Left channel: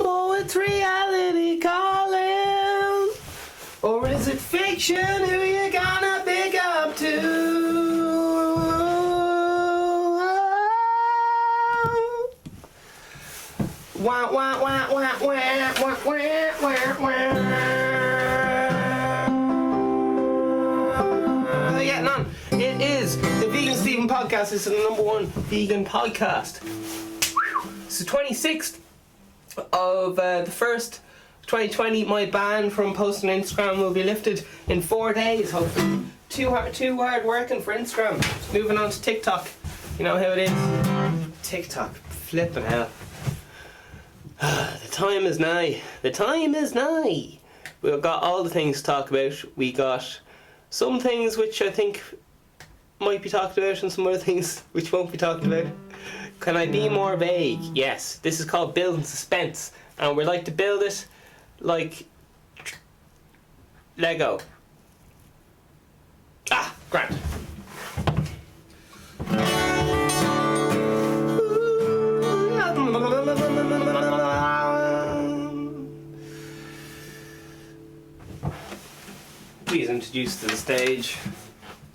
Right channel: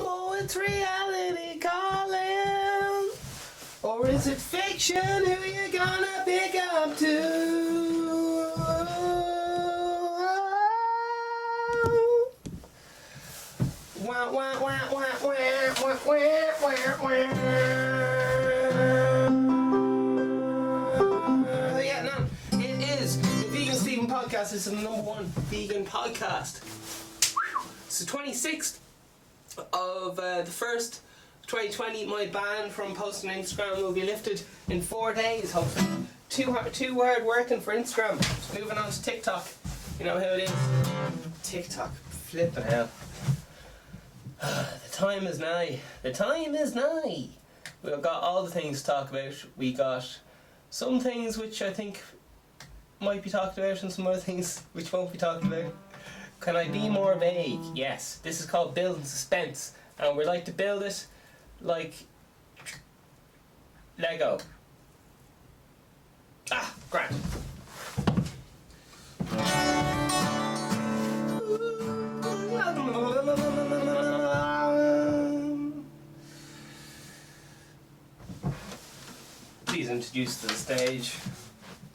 Oh, it's reality calling. Or is it fiction? Who you gonna pick up to? Wah, wah, wah, wah, wah, wah, wah, wah, wah. Getting on. It is the Vegan Stephen podcast. It's the #1 vegan podcast. It's the 26th of the 1st, 2020. My ban from posting on Instagram will be lifted in 4 days, hopefully. Too hard working for Instagram. Just moving on to TikTok. You know how it is. TikTok. Flipping hell. The time is nigh. The time is nigh. We've got all the things to talk about. We got some things which I think might be talked about and some other things which won't be talked about. Can I be more vague? Yes. This is called building suspense. And we like to build it like Lego. Ah, grand. Please introduce to the stage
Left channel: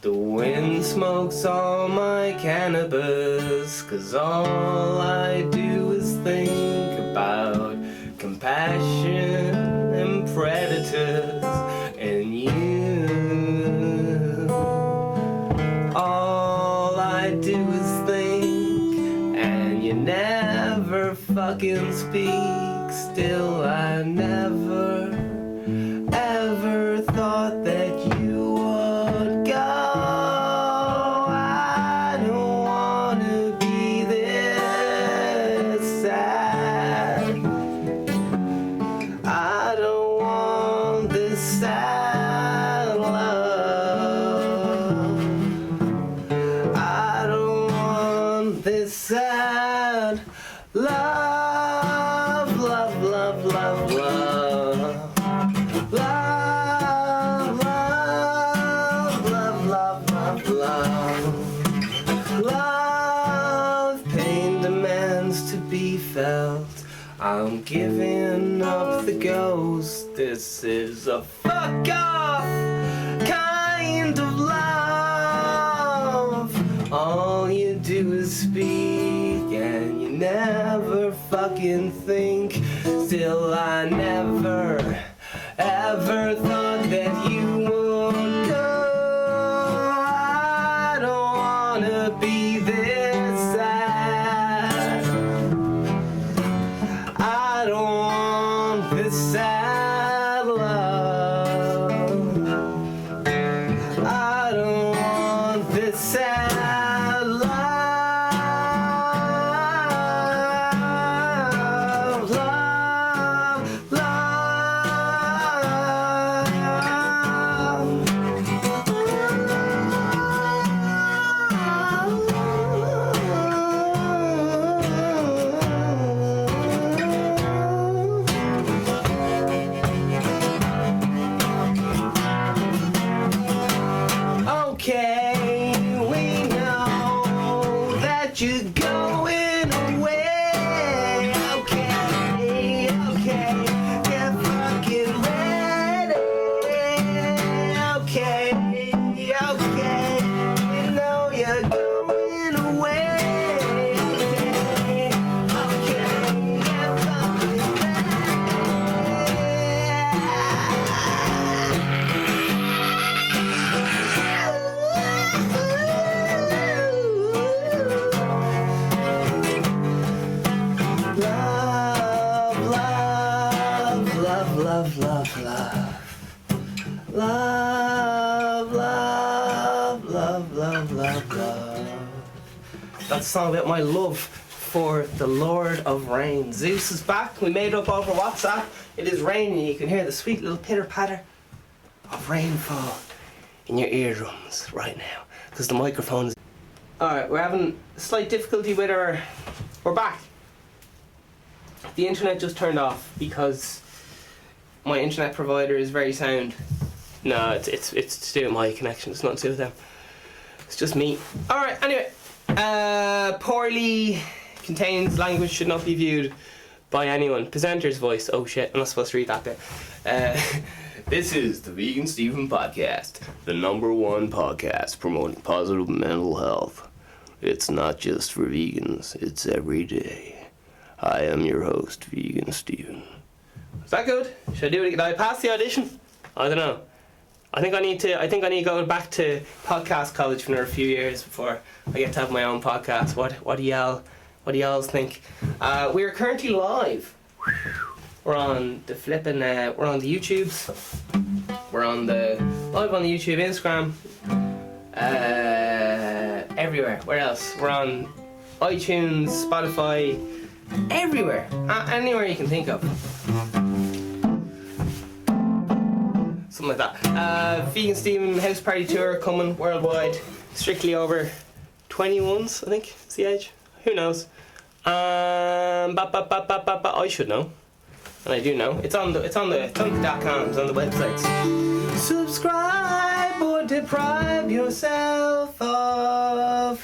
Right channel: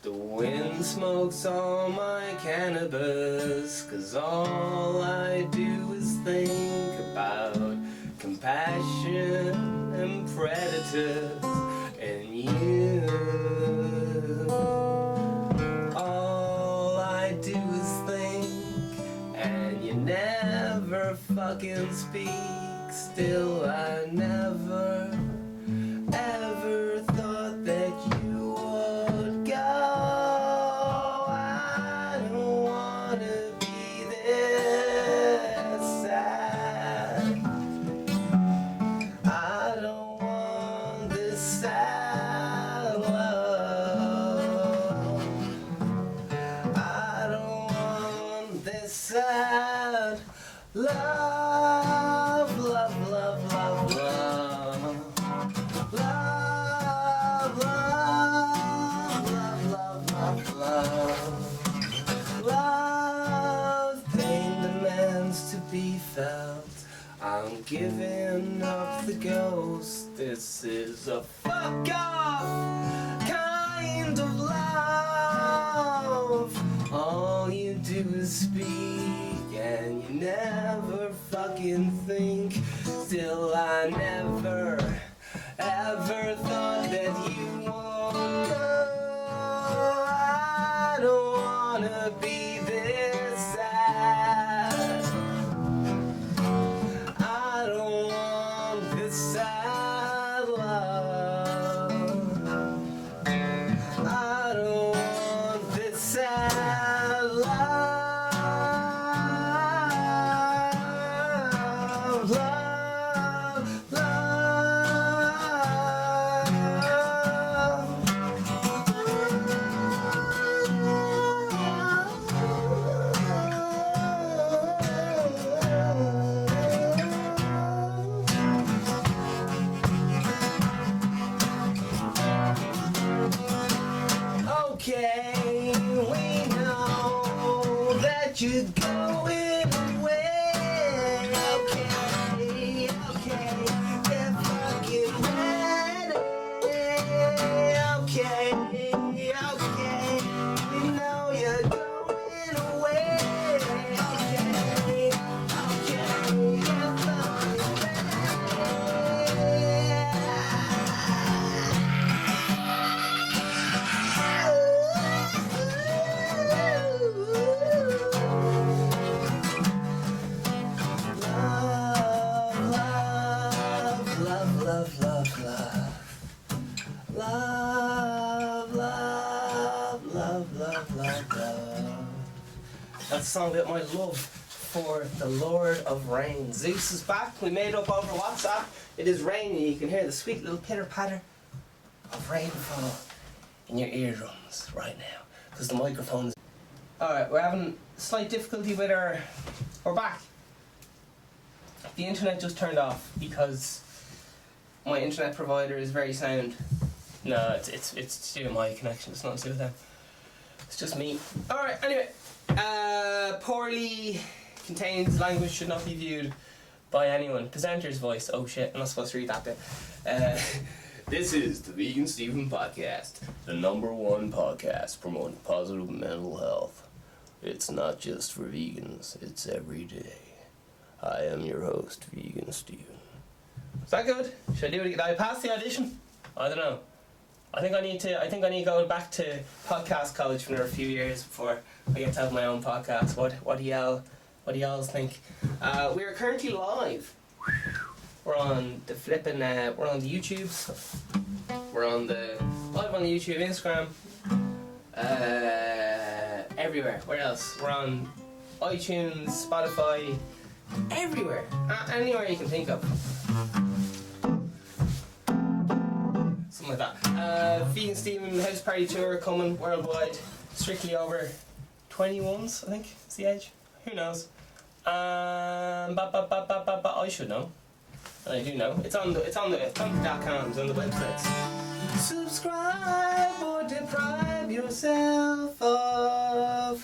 the wind smokes all my cannabis, 'cause all I do is think about compassion and predators and you. All I do is think and you never fucking speak. Still I never ever thought that you would go. I don't wanna be this sad. I don't want this sad love. I don't want this sad love. Love, love, love, love. Love, love, love, love, love, love. Love, pain demands to be felt. I'm giving up the ghost. This is a fuck off kind of love. All you do is speak and you never fucking think. Still I never ever thought that you would go. I don't wanna be this sad. I don't want this sad love. I don't want this sad love. Love, okay, we know that you're going away. Okay, okay, get fucking ready. Okay, okay, we know you're going away. Okay, get fucking Love, love, love, love. Love, love, love, love, love, love. That's a song about my love for the Lord of Rain. Zeus is back. We made up over WhatsApp. It is raining. You can hear the sweet little pitter-patter of rainfall in your eardrums right now, because the microphone is... Alright, we're having slight difficulty with our... We're back. The internet just turned off because my internet provider is very sound. No, it's to do with my connection. It's not to do with them. It's just me. Alright, anyway. Poorly contains language should not be viewed. by anyone. Presenter's voice. Oh shit, I'm not supposed to read that bit. This is the Vegan Stephen Podcast, the #1 podcast promoting positive mental health. It's not just for vegans, it's every day. I am your host, Vegan Stephen. Is that good? Should I do it? Did I pass the audition? I don't know. I think I need to go back to podcast college for another few years before I get to have my own podcast. What do y'all think? We are currently live. We're on the we're on the YouTubes. We're on the live on the YouTube, Instagram, everywhere. Where else? We're on iTunes, Spotify, everywhere, anywhere you can think of. Something like that. Vegan Steam House Party Tour coming worldwide. Strictly over 21s, I think is the age. Who knows? I should know. And I do know. It's on the tonic.com, it's on the websites. Subscribe or deprive yourself of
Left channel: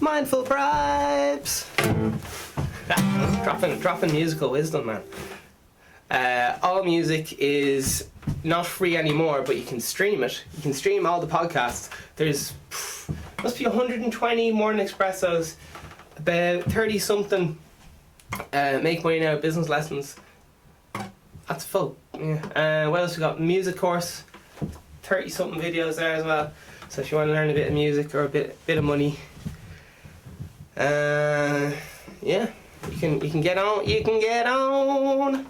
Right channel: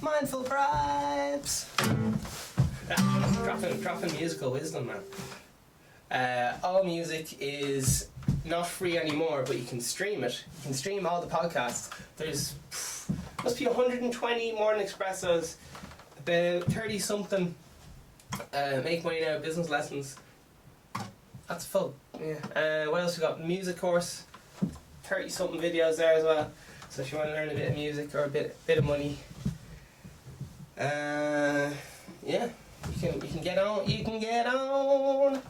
mindful bribes. dropping musical wisdom, man. All music is not free anymore, but you can stream it. You can stream all the podcasts. There's must be 120 morning espressos, about 30 something make money now business lessons. That's full. Yeah. What else we got? Music course, 30 something videos there as well. So if you want to learn a bit of music or a bit of money, yeah, you can get on. You can get on.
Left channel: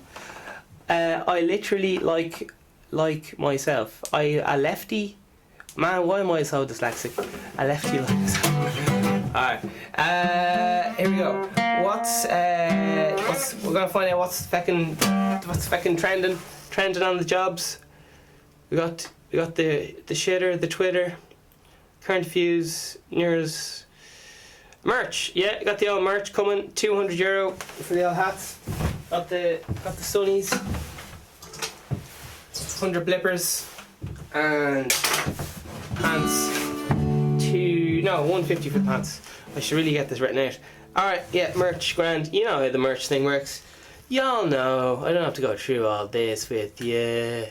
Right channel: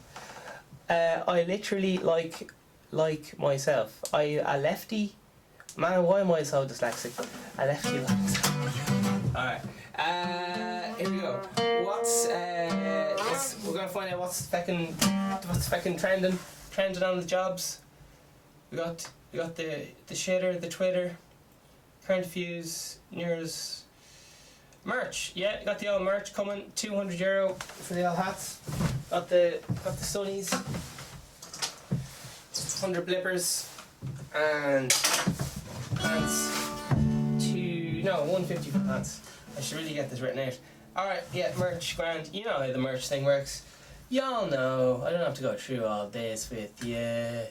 I literally like myself. A lefty. Man, why am I so dyslexic? A lefty like myself. Alright. Here we go. We're gonna find out what's fucking trending on the jobs. We got the shitter, the Twitter, current views, news, merch. Yeah, got the old merch coming. €200 for the old hats. Got the sunnies. 100 blippers and pants. 150 for the pants. I should really get this written out. Alright, yeah, merch, grand. You know how the merch thing works. Y'all know. I don't have to go through all this with you.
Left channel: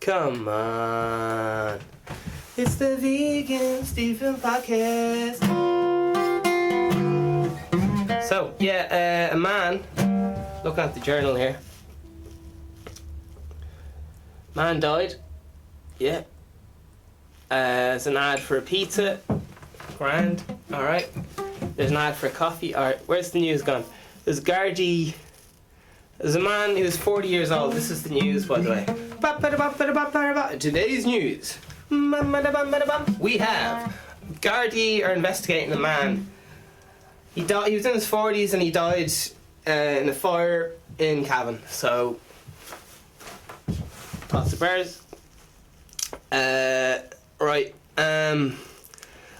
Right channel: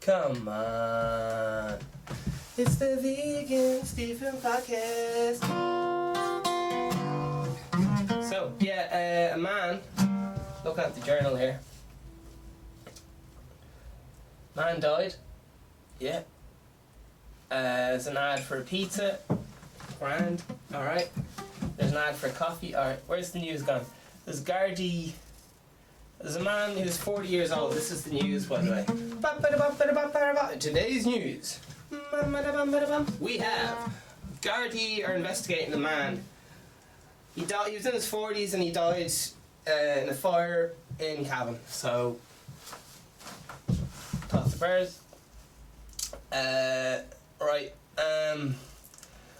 Come on. It's the Vegan Stephen Podcast. So, yeah, a man, looking at the journal here. Man died. Yeah. There's an ad for a pizza. Grand. Alright. There's an ad for a coffee. Alright. Where's the news gone? There's Gardaí. There's a man who's 40 years old. This is the news, by the way. Today's news. We have Gardaí are investigating a man. He died. He was in his 40s and he died in a fire in Cavan. So, lots of bears. Right.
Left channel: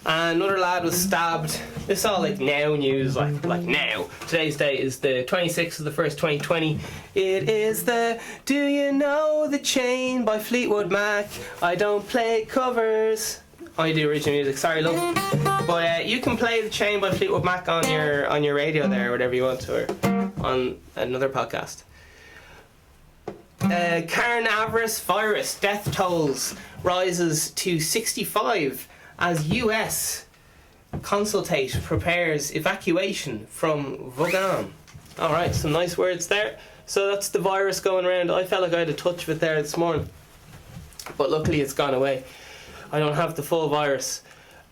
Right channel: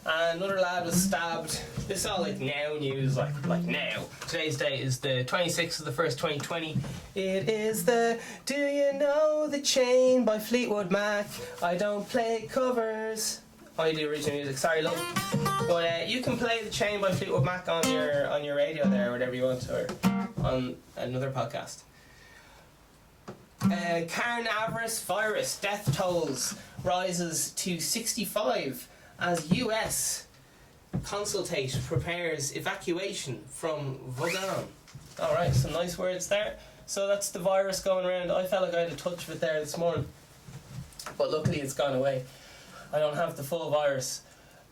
Another lad was stabbed. This is all like now news, like now. Today's date is the 26th of the 1st, 2020. It is the Do You Know the Chain by Fleetwood Mac. I don't play covers. I do original music, sorry love. But you can play The Chain by Fleetwood Mac on your radio there, or whatever you want to, or on another podcast. Coronavirus virus death tolls rises to 65 as US consultate prepares evacuation from Wuhan. Alright, some nice words there. So that's the virus going around. I felt like I had a touch of it there this morning, but luckily it's gone away. I don't have the full virus.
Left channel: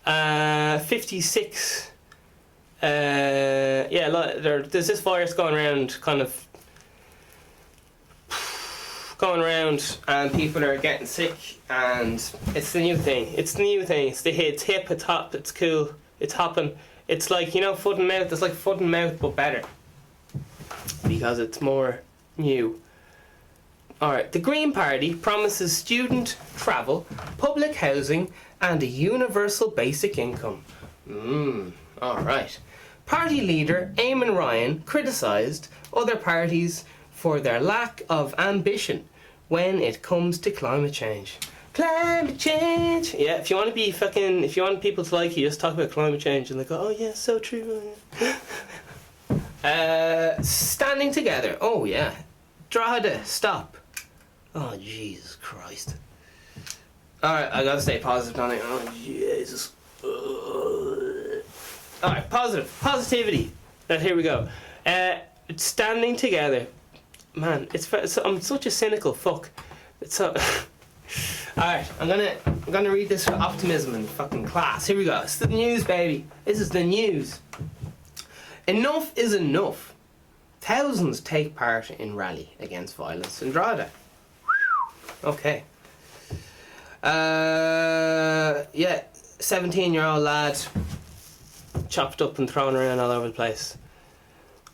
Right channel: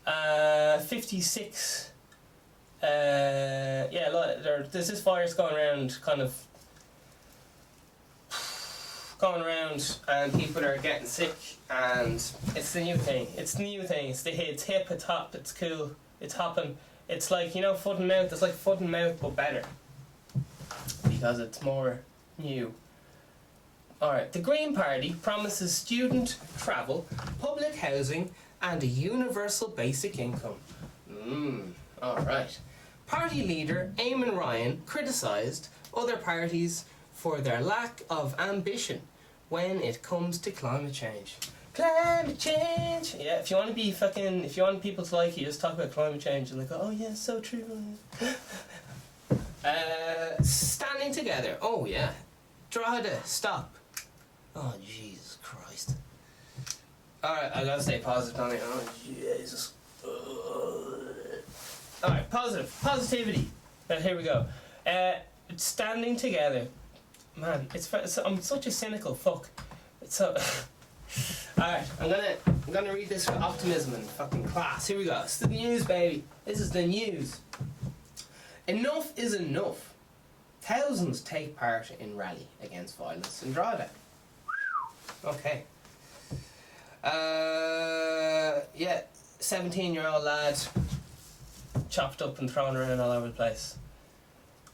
56 there's this virus going around, and people are getting sick, and it's the new thing. It's hip, it's hot, it's cool, it's hopping. It's like, foot and mouth. It's like foot and mouth, but better, because it's more new. Alright, the Green Party promises student travel, public housing, and a universal basic income. Alright. Party leader Eamon Ryan criticised other parties for their lack of ambition when it comes to climate change. Climate change! Yeah, if you want people to like you, just talk about climate change and they go, oh yeah, so true. Standing together. Oh yeah. Drogheda, stop. Oh Jesus Christ. Alright, I gotta stay positive on it. Oh Jesus. Alright, positivity. Here we go. Standing together. Man, I'm such a cynical fuck. It's so. Alright, I'm gonna read this with optimism and fucking class. Here we go. It's the news, baby. This is the news. Enough is enough. Thousands take part in rally against violence in Drogheda. Okay. Yeah, 17-year-old lad chopped up and thrown around all over the place.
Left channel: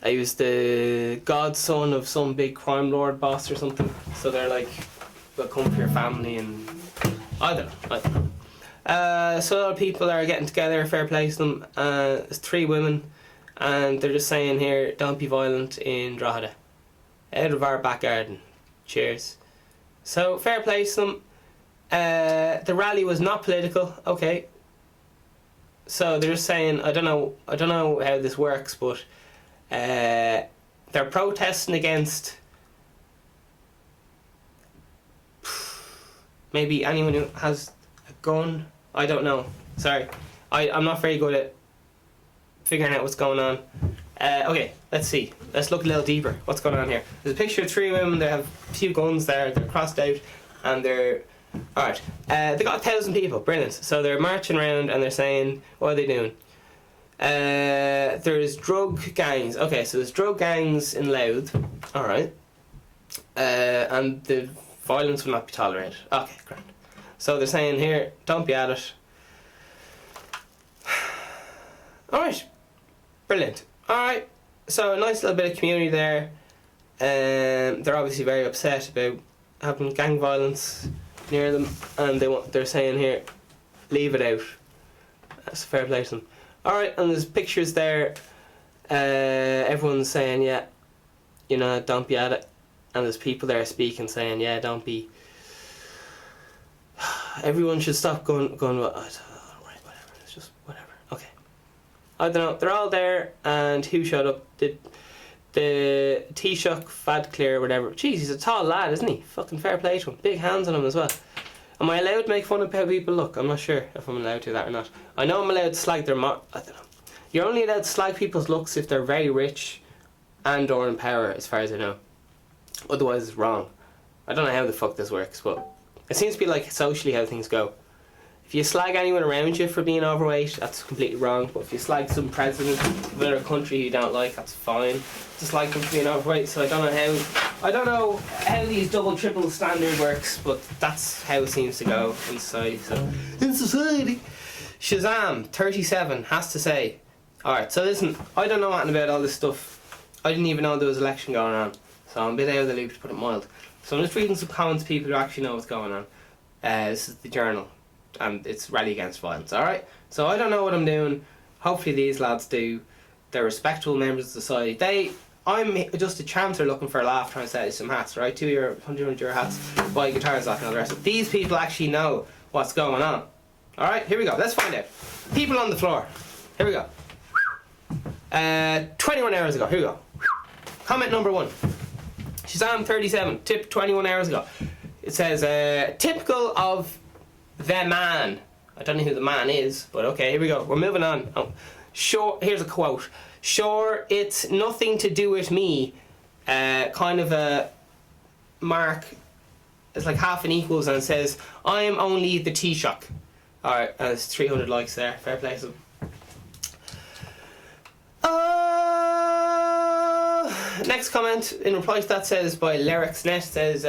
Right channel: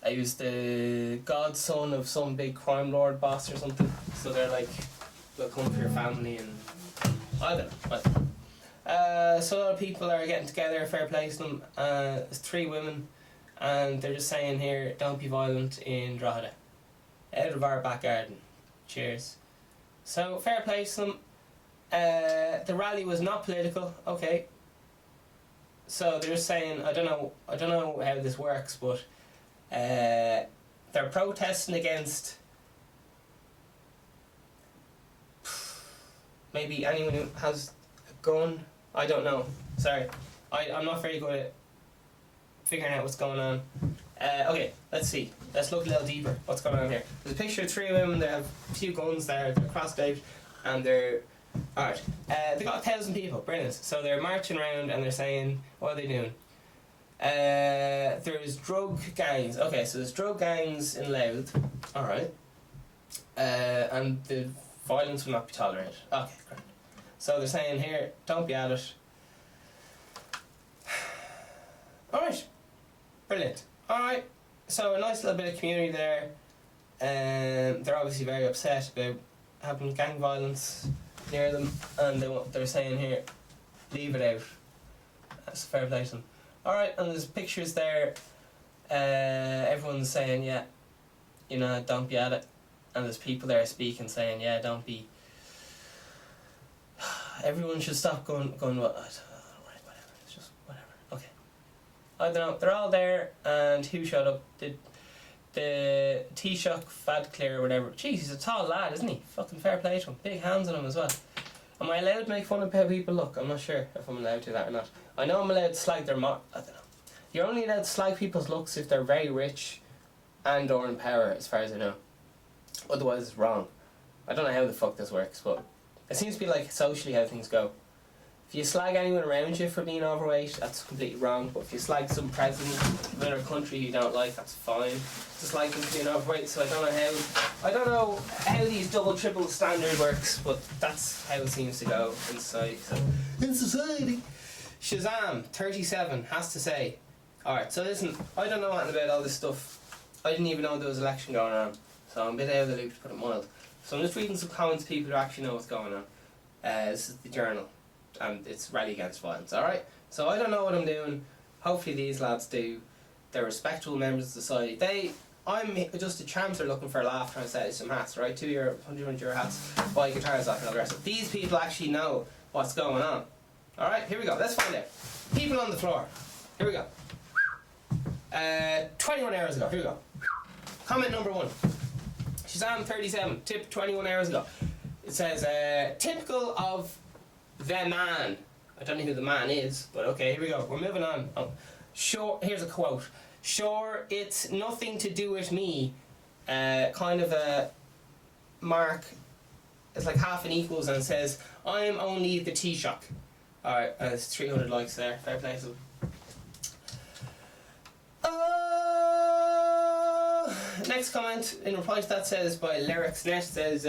He was the godson of some big crime lord boss or something. So they're like, they'll come for your family and I don't know. So a lot of people are getting together, fair play to them. There's 3 women and they're just saying here, don't be violent in Drogheda. Out of our back garden. Cheers. So fair play to them. The rally was not political, okay. So they're just saying, I don't know how this works, but they're protesting against maybe anyone who has a gun. I don't know. Sorry, I'm not very good at figuring out what's going on. Okay, let's see. Let's look a little deeper. What's going on here? There's a picture of 3 women. They have a few guns there. They're crossed out, and they're alright. They got 1,000 people. Brilliant. So they're marching around and they're saying, what are they doing? There's drug gangs. Okay, so there's drug gangs in Louth. Alright. And the violence will not be tolerated. Okay, great. So they're saying here, don't be at it. Alright. Brilliant. Alright. So a nice little bit of community there. They're obviously very upset about having gang violence near them, and they're saying here, leave it out. That's a fair play to them. Alright, and there's pictures there. Everyone's saying, yeah, you know, don't be at it. And there's people there speaking, saying, yeah, don't be. Everyone should stop going. Right, whatever. It's just whatever. Okay. I don't know. They're all there, and who showed up? The Taoiseach, Fad Clear, whatever. Jeez, he's a tall lad, isn't he? Fucking fair play to him. Big hands on him as well. Am I allowed to make fun of how people look? I'm not sure if I'm allowed to do that or not. I know I'm allowed to slag their I don't know. You're only allowed to slag people's looks if they're very rich and or in power, as far as I know. Otherwise it's wrong. I don't know how the fuck this works, but it seems to be like socially how things go. If you slag anyone around you for being overweight, that's completely wrong. But if you slag some president of another country you don't like, that's fine. Just like them for being overweight. So I don't know how these double triple standard works, but that's how it seems to go in society. So in society, Shazam 37 has to say, alright. So listen, I don't know anything about all this stuff. I didn't even know there was an election going on, so I'm a bit out of the loop, to put it mild. So I'm just reading some comments, people who actually know what's going on. This is the Journal, and it's Rally Against Violence, alright? So I don't know what I'm doing. Hopefully these lads do. They're respectable members of society. I'm just a chancer looking for a laugh, trying to sell you some hats, right? 100 euro hats, buy guitars off and all the rest. But these people actually know what's going on. Alright, here we go. Let's find out. People on the floor. Here we go. 21 hours ago. Here we go. Comment number 1. Shazam 37. Tip 21 hours ago. It says, typical of the man. I don't know who the man is, but okay, here we go. We're moving on. Oh, sure, here's a quote. Sure, it's nothing to do with me. Kind of a mark. It's like half and equals, and it says, I'm only the Taoiseach. Alright, and it's 300 likes there. Fair play to them. Next comment in reply to that says by LyricsNet says,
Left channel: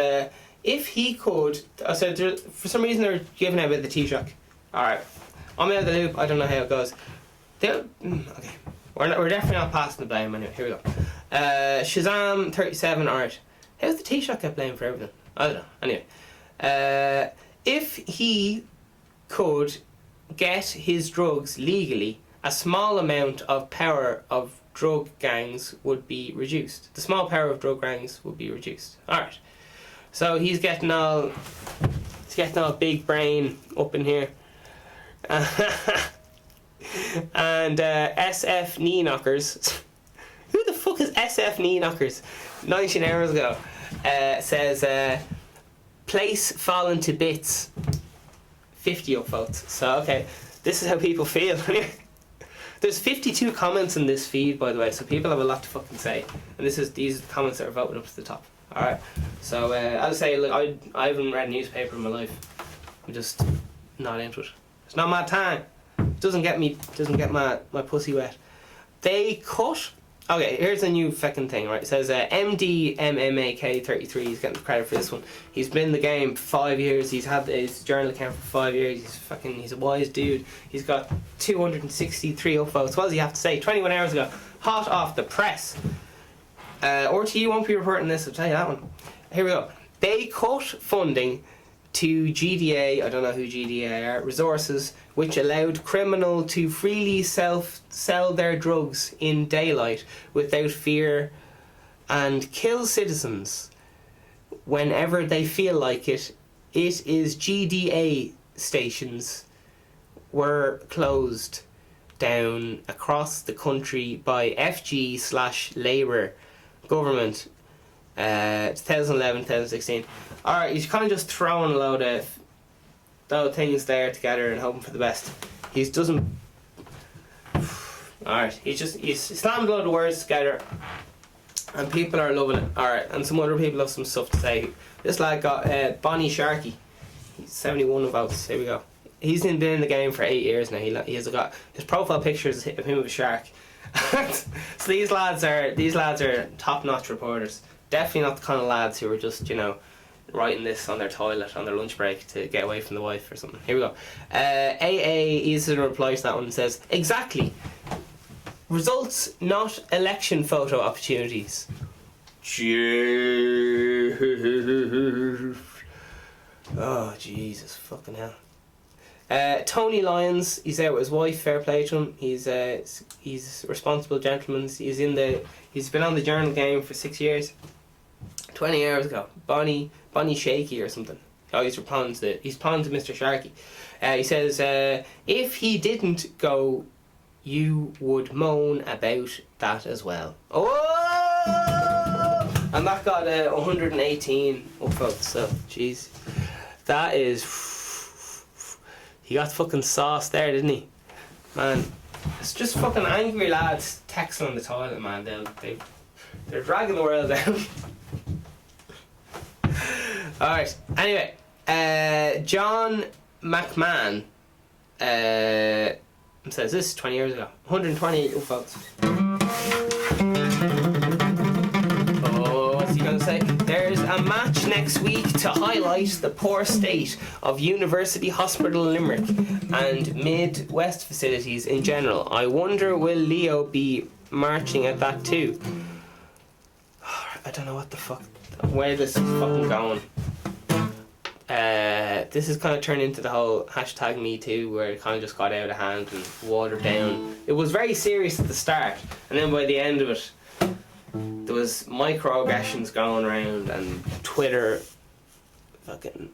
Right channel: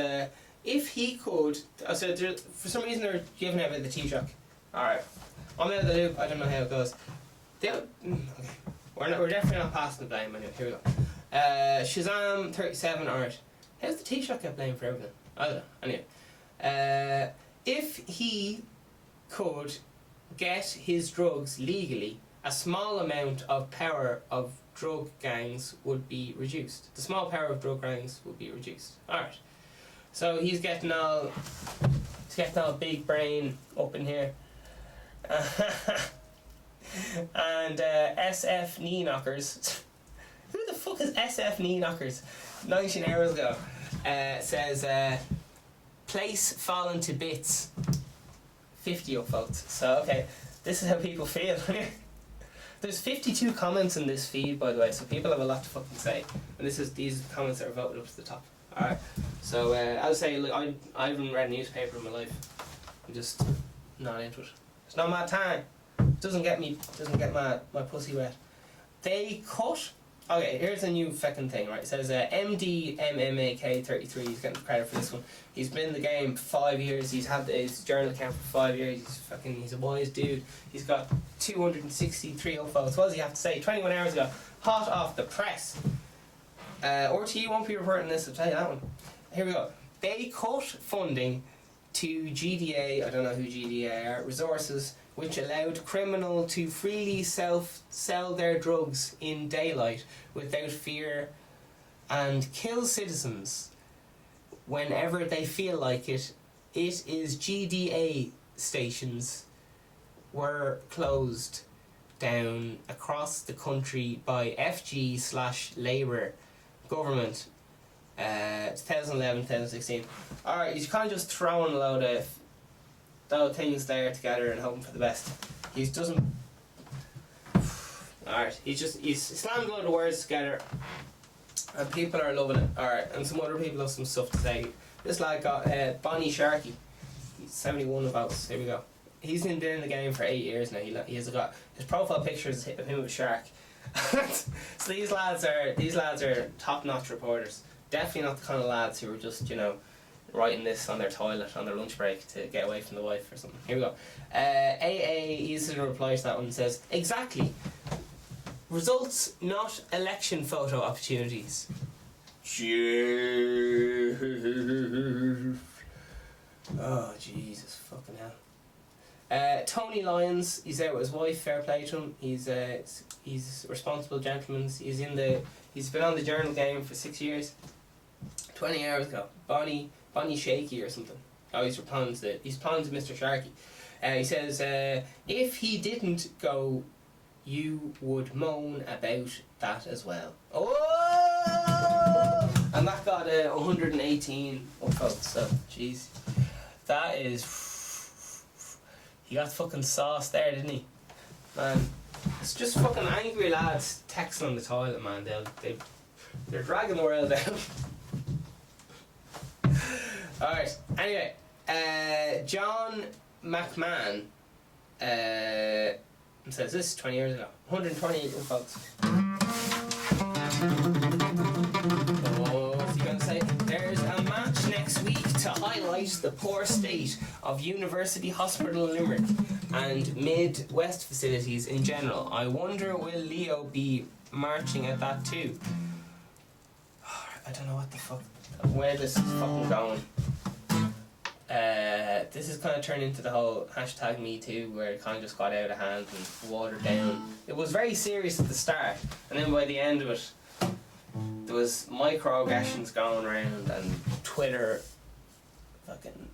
if he could. So for some reason they're giving out with the Taoiseach. Alright, I'm out of the loop. I don't know how it goes. Okay, we're definitely not passing the blame anyway. Here we go. Shazam 37. Alright, how's the Taoiseach get blamed for everything? I don't know. Anyway, if he could get his drugs legally, a small amount of power of drug gangs would be reduced. The small power of drug gangs would be reduced. Alright. So he's getting all big brain up in here. And SF knee knockers. Who the fuck is SF Knee Knockers? 19 hours ago. Says, place fallen to bits. 50 upvotes. So, okay, this is how people feel. There's 52 comments in this feed, by the way, so people have a lot to fucking say. And these are the comments that are voted up to the top. Alright, so I would say, look, I haven't read a newspaper in my life. I'm just not into it. It's not my time. It doesn't get my pussy wet. They cut. Okay, here's a new fucking thing, right? It says MDMMAK33. He's getting credit for this one. He's been in the game for 5 years. He's had his journal account for 5 years. He's a wise dude. He's got 263 upvotes. What does he have to say? 21 hours ago, hot off the press. RTE won't be reporting this. I'll tell you that one. Here we go. They cut funding to GDA. I don't know who GDA are. Resources, which allowed criminal to freely sell their drugs in daylight without fear and kill citizens whenever they feel like it. It is GDA stations were closed down across the country by FG/Labour government 2011-2016. Alright, he's kind of just throwing a load of things there together and hoping for the best. He doesn't. Alright, he's slammed a load of words together and people are loving it. Alright, and some other people have some stuff to say. This lad got Bonnie Sharkey. He's 71 votes. Here we go. He's been in the game for 8 years now. He has got his profile pictures of him with a shark. So these lads are top-notch reporters. Definitely not the kind of lads who are just, writing this on their toilet on their lunch break to get away from the wife or something. Here we go. AA is a reply to that one and says, exactly. Results, not election photo opportunities. Oh, Jesus fucking hell. Tony Lyons, he's out with his wife, fair play to him. He's a responsible gentleman. He's been on the journal game for 6 years. 20 hours ago. Bonnie Shaky or something. Oh, he's responding to Mr. Sharkey. He says, if he didn't go, you would moan about that as well. Oh! And that got 118 upvotes, so jeez. That is... He got fucking sauce there, didn't he? Man, it's just fucking angry lads texting on the toilet, man. They're dragging the world down. Alright, anyway, John McMahon says this 20 years ago. 128 upvotes. What's he going to say? There's a match next week to highlight the poor state of University Hospital Limerick and Mid-West facilities in general. I wonder, will Leo be marching at that too? I don't know what the fuck, where this is fucking going. This has kind of turned into the whole hashtag Me Too, where it kind of just got out of hand and watered down. It was very serious at the start, and then by the end of it, there was microaggressions going around, and Twitter, fucking,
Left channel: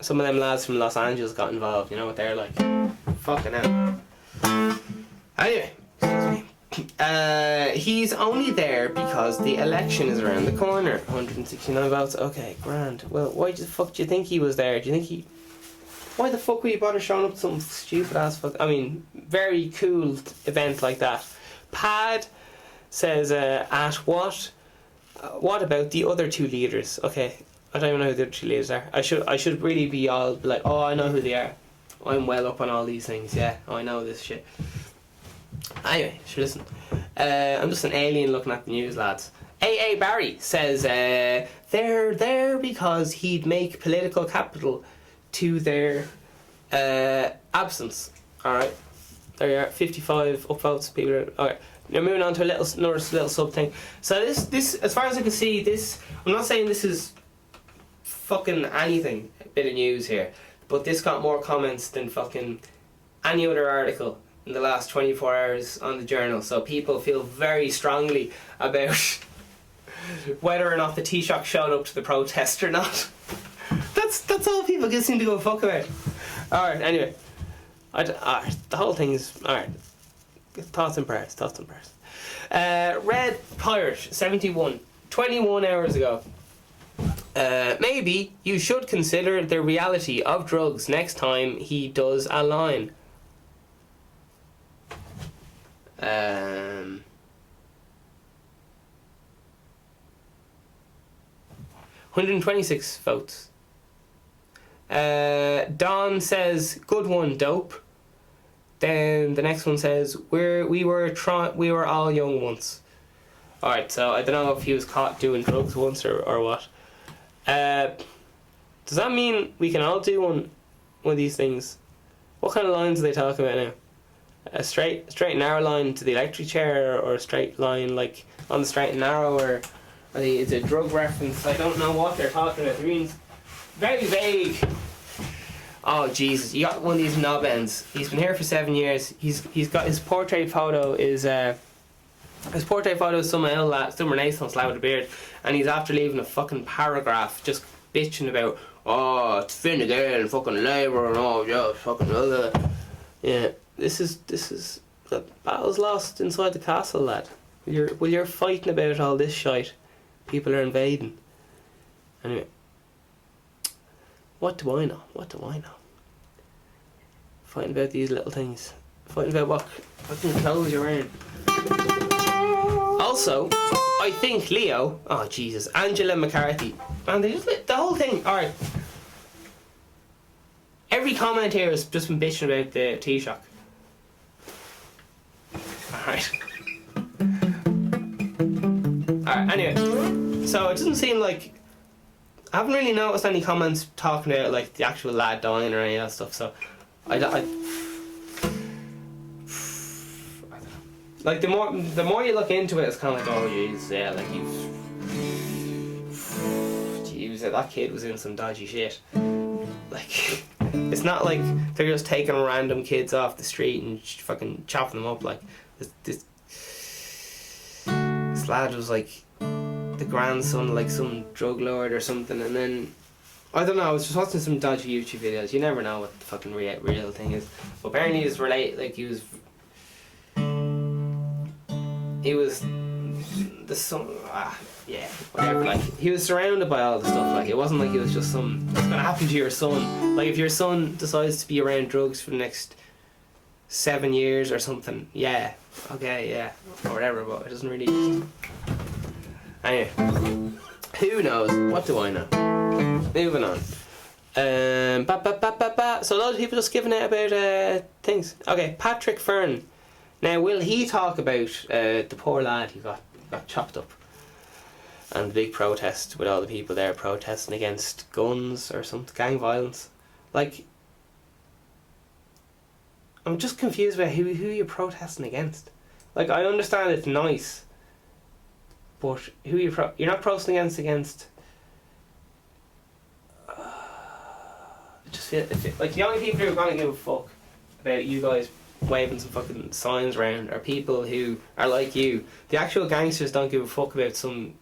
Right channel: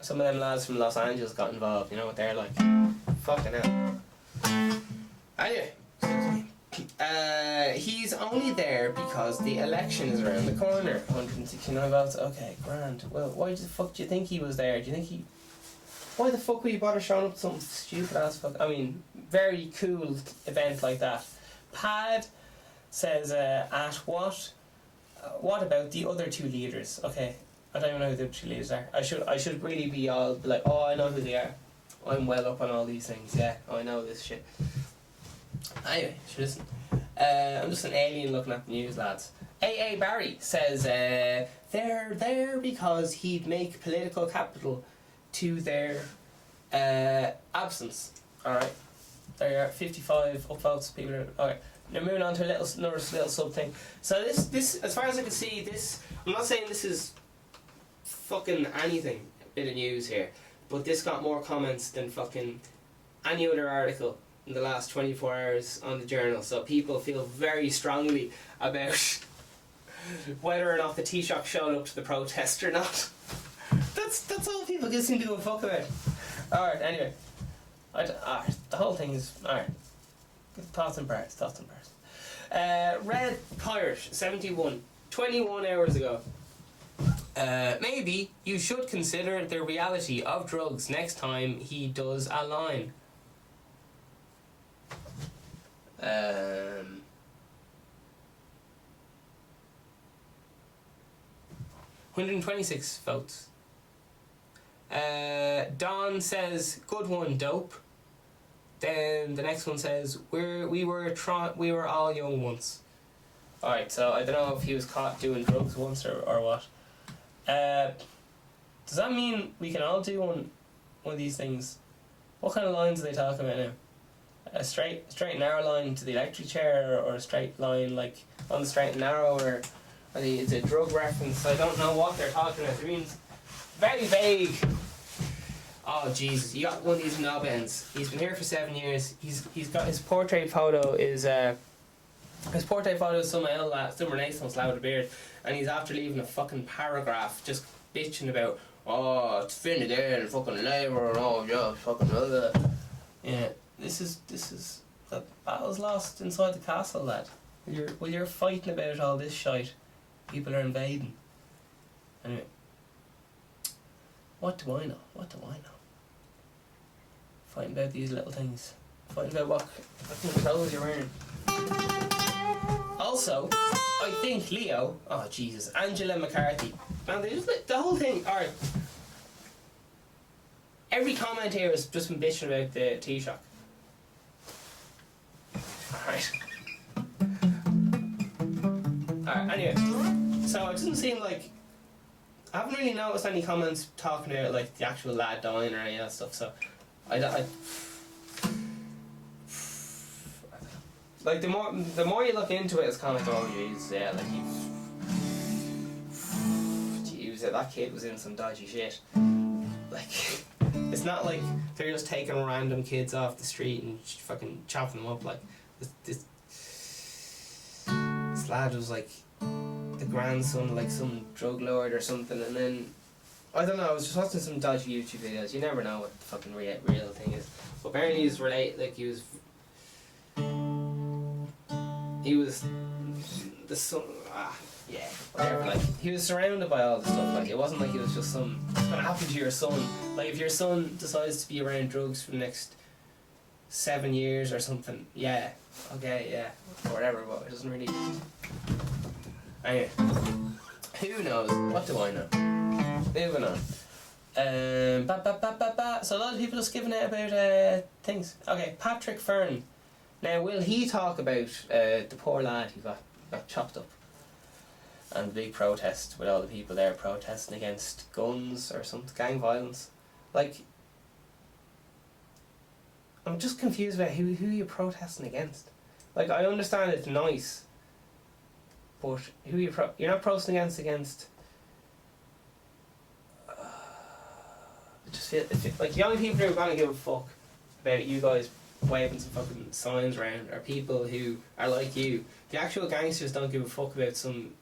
some of them lads from Los Angeles got involved. You know what they're like? Fucking hell. Anyway, excuse me. He's only there because the election is around the corner. 169 votes. Okay, grand. Well, why the fuck do you think he was there? Why the fuck would you bother showing up to some stupid ass fuck? I mean, very cool event like that. Pad says, at what about the other two leaders? Okay, I don't even know who the other two leaders are. I should really be all like, oh, I know who they are. I'm well up on all these things. Yeah, I know this shit. Anyway, sure, listen. I'm just an alien looking at the news, lads. AA Barry says they're there because he'd make political capital to their absence. Alright. There you are, 55 upvotes. People are... Alright. Now moving on to another little sub thing. So this, as far as I can see, this... I'm not saying this is fucking anything, a bit of news here, but this got more comments than fucking any other article in the last 24 hours on the journal. So people feel very strongly about whether or not the Taoiseach showed up to the protest or not. That's all people just seem to go fuck about. Alright, anyway. The whole thing is... Alright. Thoughts and prayers. Red Pirate 71, 21 hours ago. Maybe you should consider the reality of drugs next time he does a line. 126 votes. Don says, good one, dope. Then the next one says, we were all young once. Alright, so I don't know if he was caught doing drugs once or what. Does that mean we can all do one of these things? What kind of lines are they talking about now? A straight and narrow line to the electric chair, or a straight line like on the straight and narrow, or is it a drug reference? I don't know what they're talking about. It means very vague. Oh Jesus, you got one of these knob ends. He's been here for 7 years. He's got his portrait photo is some Renaissance lad with a beard, and he's after leaving a fucking paragraph just bitching about, oh, it's Finn again, fucking Labour and all, yeah, fucking yeah. This is the battle's lost inside the castle, lad. You're fighting about all this shite. People are invading. Anyway, what do I know? Fighting about these little things. Fighting about what clothes you're wearing. Also, I think Leo, oh Jesus, Angela McCarthy, man, they just the whole thing. Alright, every comment here has just been bitching about the Taoiseach. Alright, anyway, so it doesn't seem like, I haven't really noticed any comments talking about like the actual lad dying or any of that stuff, so like the more you look into it, it's kind of like, oh jeez, yeah, like that kid was in some dodgy shit. Like, it's not like they're just taking random kids off the street and fucking chopping them up. Like, this lad was like the grandson of like some drug lord or something, and then I don't know, I was just watching some dodgy YouTube videos. You never know what the fucking real thing is. But apparently he was the son. Yeah, whatever. Like, he was surrounded by all the stuff. Like, it wasn't like it was just it's gonna happen to your son. Like, if your son decides to be around drugs for the next 7 years or something, yeah, okay, yeah, or whatever. But it doesn't really. Anyway, who knows? What do I know? Moving on. So a lot of people just giving out about things. Okay, Patrick Fern. Now, will he talk about the poor lad who got chopped up? And the big protest with all the people there protesting against guns or some gang violence. Like, I'm just confused about who you're protesting against. Like, I understand it's nice, but who you're not protesting against. I just feel like the only people who are gonna give a fuck about you guys waving some fucking signs around are people who are like you. The actual gangsters don't give a fuck about some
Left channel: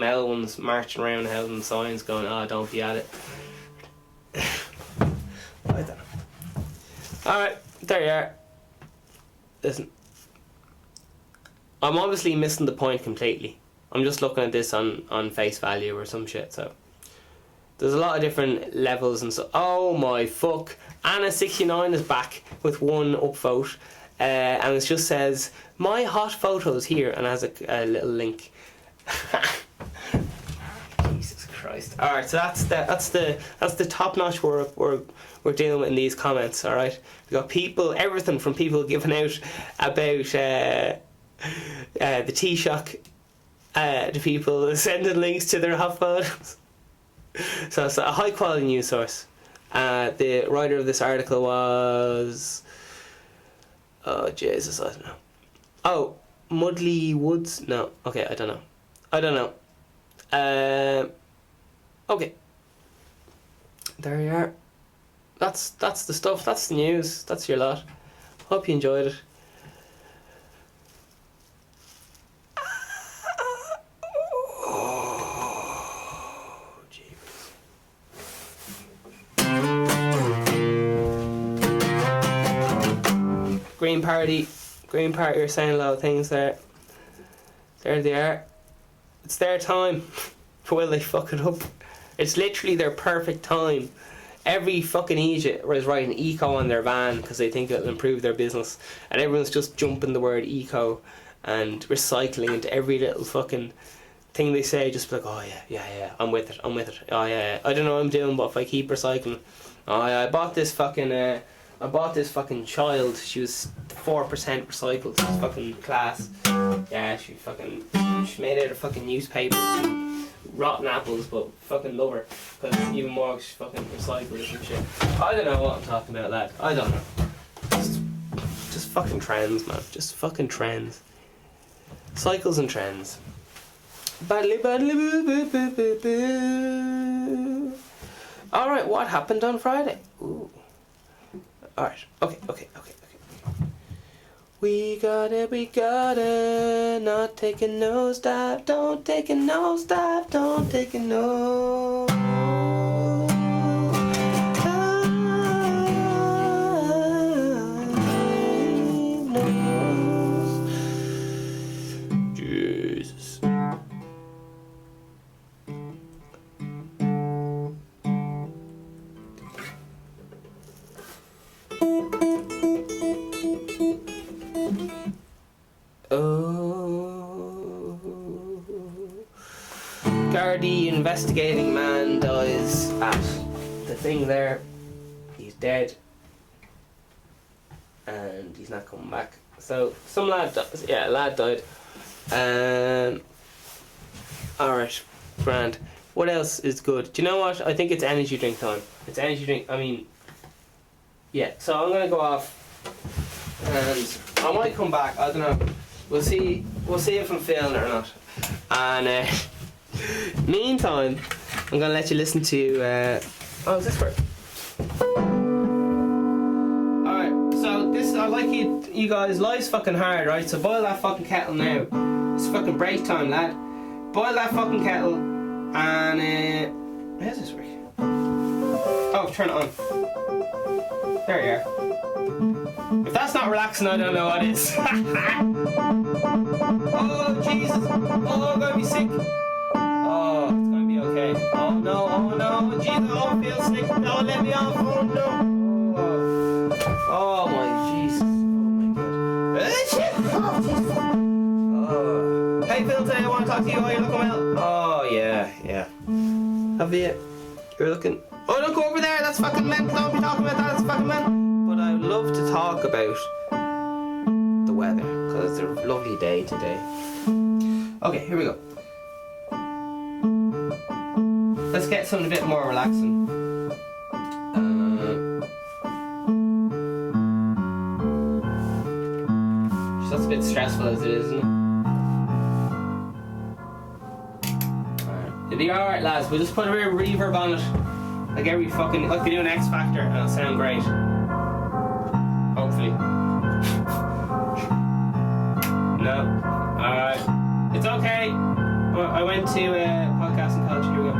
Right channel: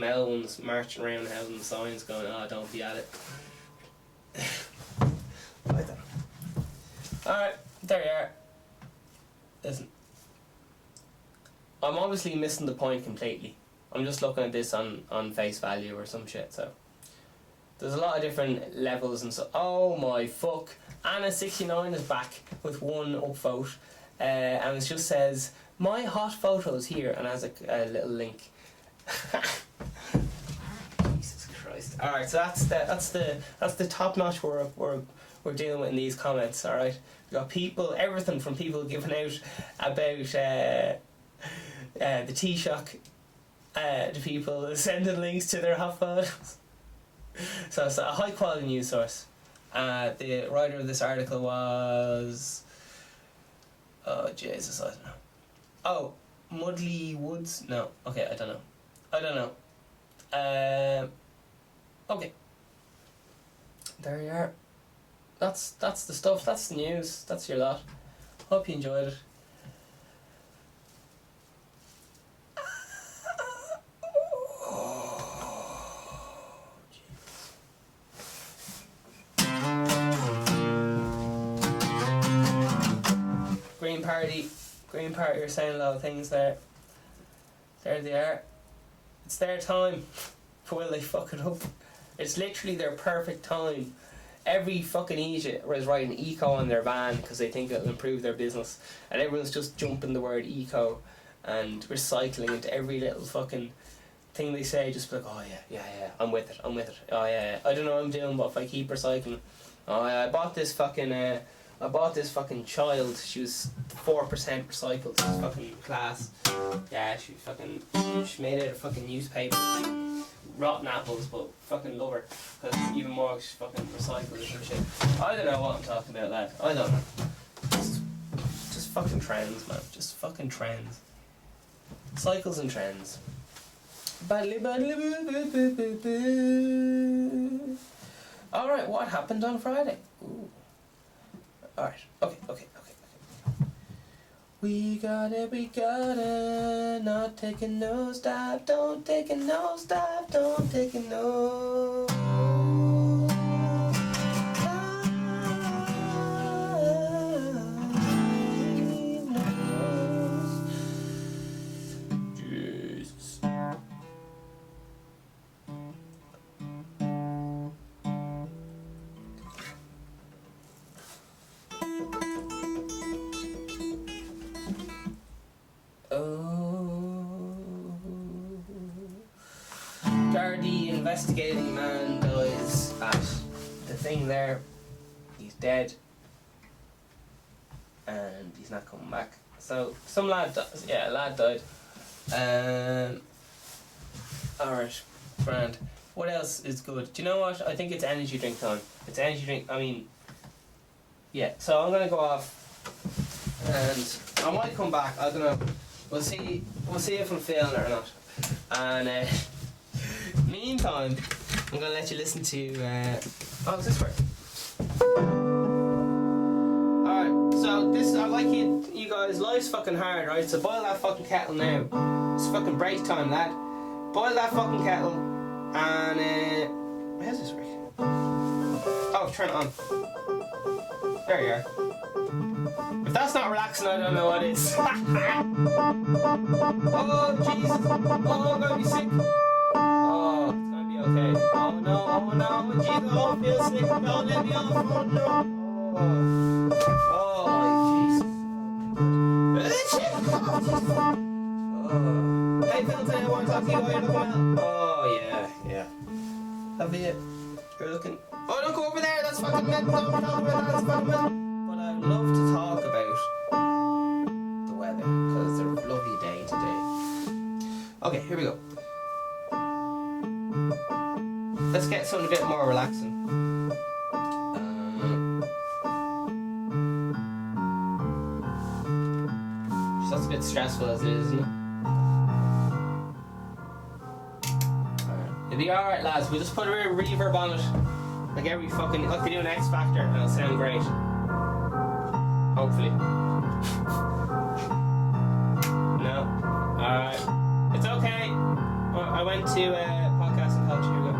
L ones marching around holding signs going, oh, don't be at it. I don't know. Alright, there you are. Listen, I'm obviously missing the point completely. I'm just looking at this on face value or some shit, so there's a lot of different levels and so. Oh my fuck, Anna69 is back with one upvote, and it just says my hot photos here and has a little link. Jesus Christ. Alright, so that's the top notch we're dealing with in these comments. Alright, we got everything from people giving out about the Taoiseach to people sending links to their hot photos. So it's a high quality news source. The writer of this article was, oh Jesus, I don't know. Oh, Mudley Woods? No, okay, I don't know. Okay, there you are. That's the stuff. That's the news. That's your lot. Hope you enjoyed it. Green Party are saying a lot of things there. There they are. It's their time. Will they fuck it up? It's literally their perfect time. Every fucking idiot is writing eco on their van because they think it'll improve their business, and everyone's just jumping the word eco and recycling into every little fucking thing they say. Just like, oh yeah, I'm with it. Oh yeah, I don't know what I'm doing, but if I keep recycling, oh yeah, I bought this fucking child. She was 4% recycled. It's fucking class. Yeah, she made it out of fucking newspaper. Rotten apples, but fucking love her because even more she's fucking recycled and shit. I don't know what I'm talking about, lad. I don't know. Just fucking trends, man. Just fucking trends. Cycles and trends. Badly, badly, boo, boo, boo, boo, boo. Alright, what happened on Friday? Ooh. Alright, okay. We got it, not taking no stop, don't take it no stop, don't take it no. Jesus. Gardaí investigating man dies at the thing there. He's dead. And he's not coming back. So, some lad dies. Yeah, a lad died. Alright, grand. What else is good? Do you know what? I think it's energy drink time. It's energy drink, yeah. So I'm going to go off. And I might come back, I don't know. We'll see if I'm feeling it or not. And meantime, I'm gonna let you listen to does this work? Alright, so this, I like you guys, life's fucking hard, right? So boil that fucking kettle now. It's fucking break time, lad. Boil that fucking kettle and how does this work? Oh, turn it on. There you are. If that's not relaxing, I don't know what is. Oh, Jesus. Oh, I'm gonna be sick. Oh, it's gonna be okay. Oh, no. Jesus, oh, I feel sick. Don't let me off. Oh, no. Oh, my Jesus. Oh, my God. Oh, Jesus. Oh. How you feeling today? I want to talk to you. Are you looking well? Oh, yeah. Have you? You're looking... Oh, don't go over there. That's fucking men. Don't be talking about that. That's fucking men. But I'd love to talk about the weather because it's a lovely day today. Okay, here we go. Let's get something a bit more relaxing. That's a bit stressful as it is, isn't it? It'll be alright, lads. We'll just put a bit of reverb on it. Like every fucking... Like we do an X Factor and it'll sound great. Hopefully. No. Alright. It's okay. I went to podcasting college. Here we go.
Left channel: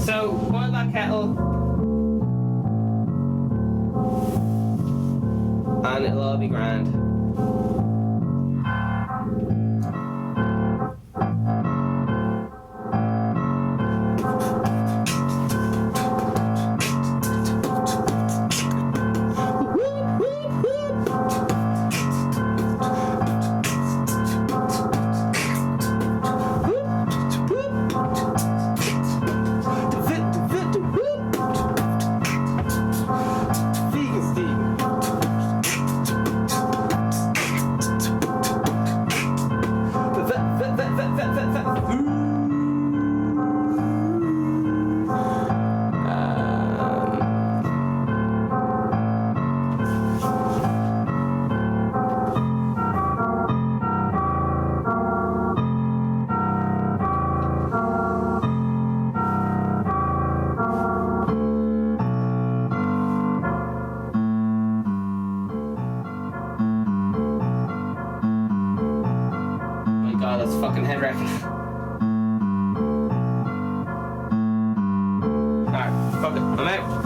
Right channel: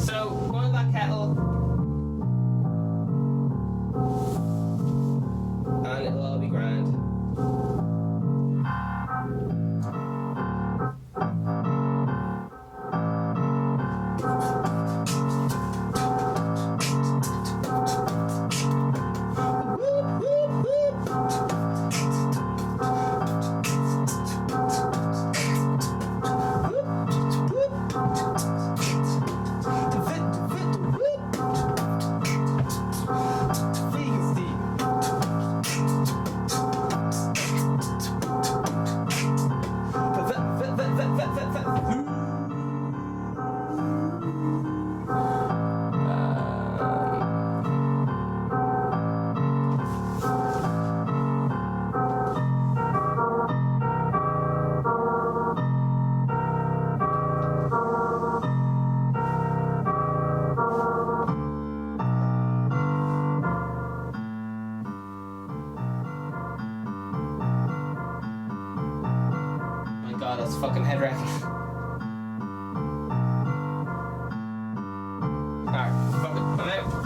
So, boil that kettle and it'll all be grand. God, that's fucking head wrecking. Alright, fuck it, I'm out.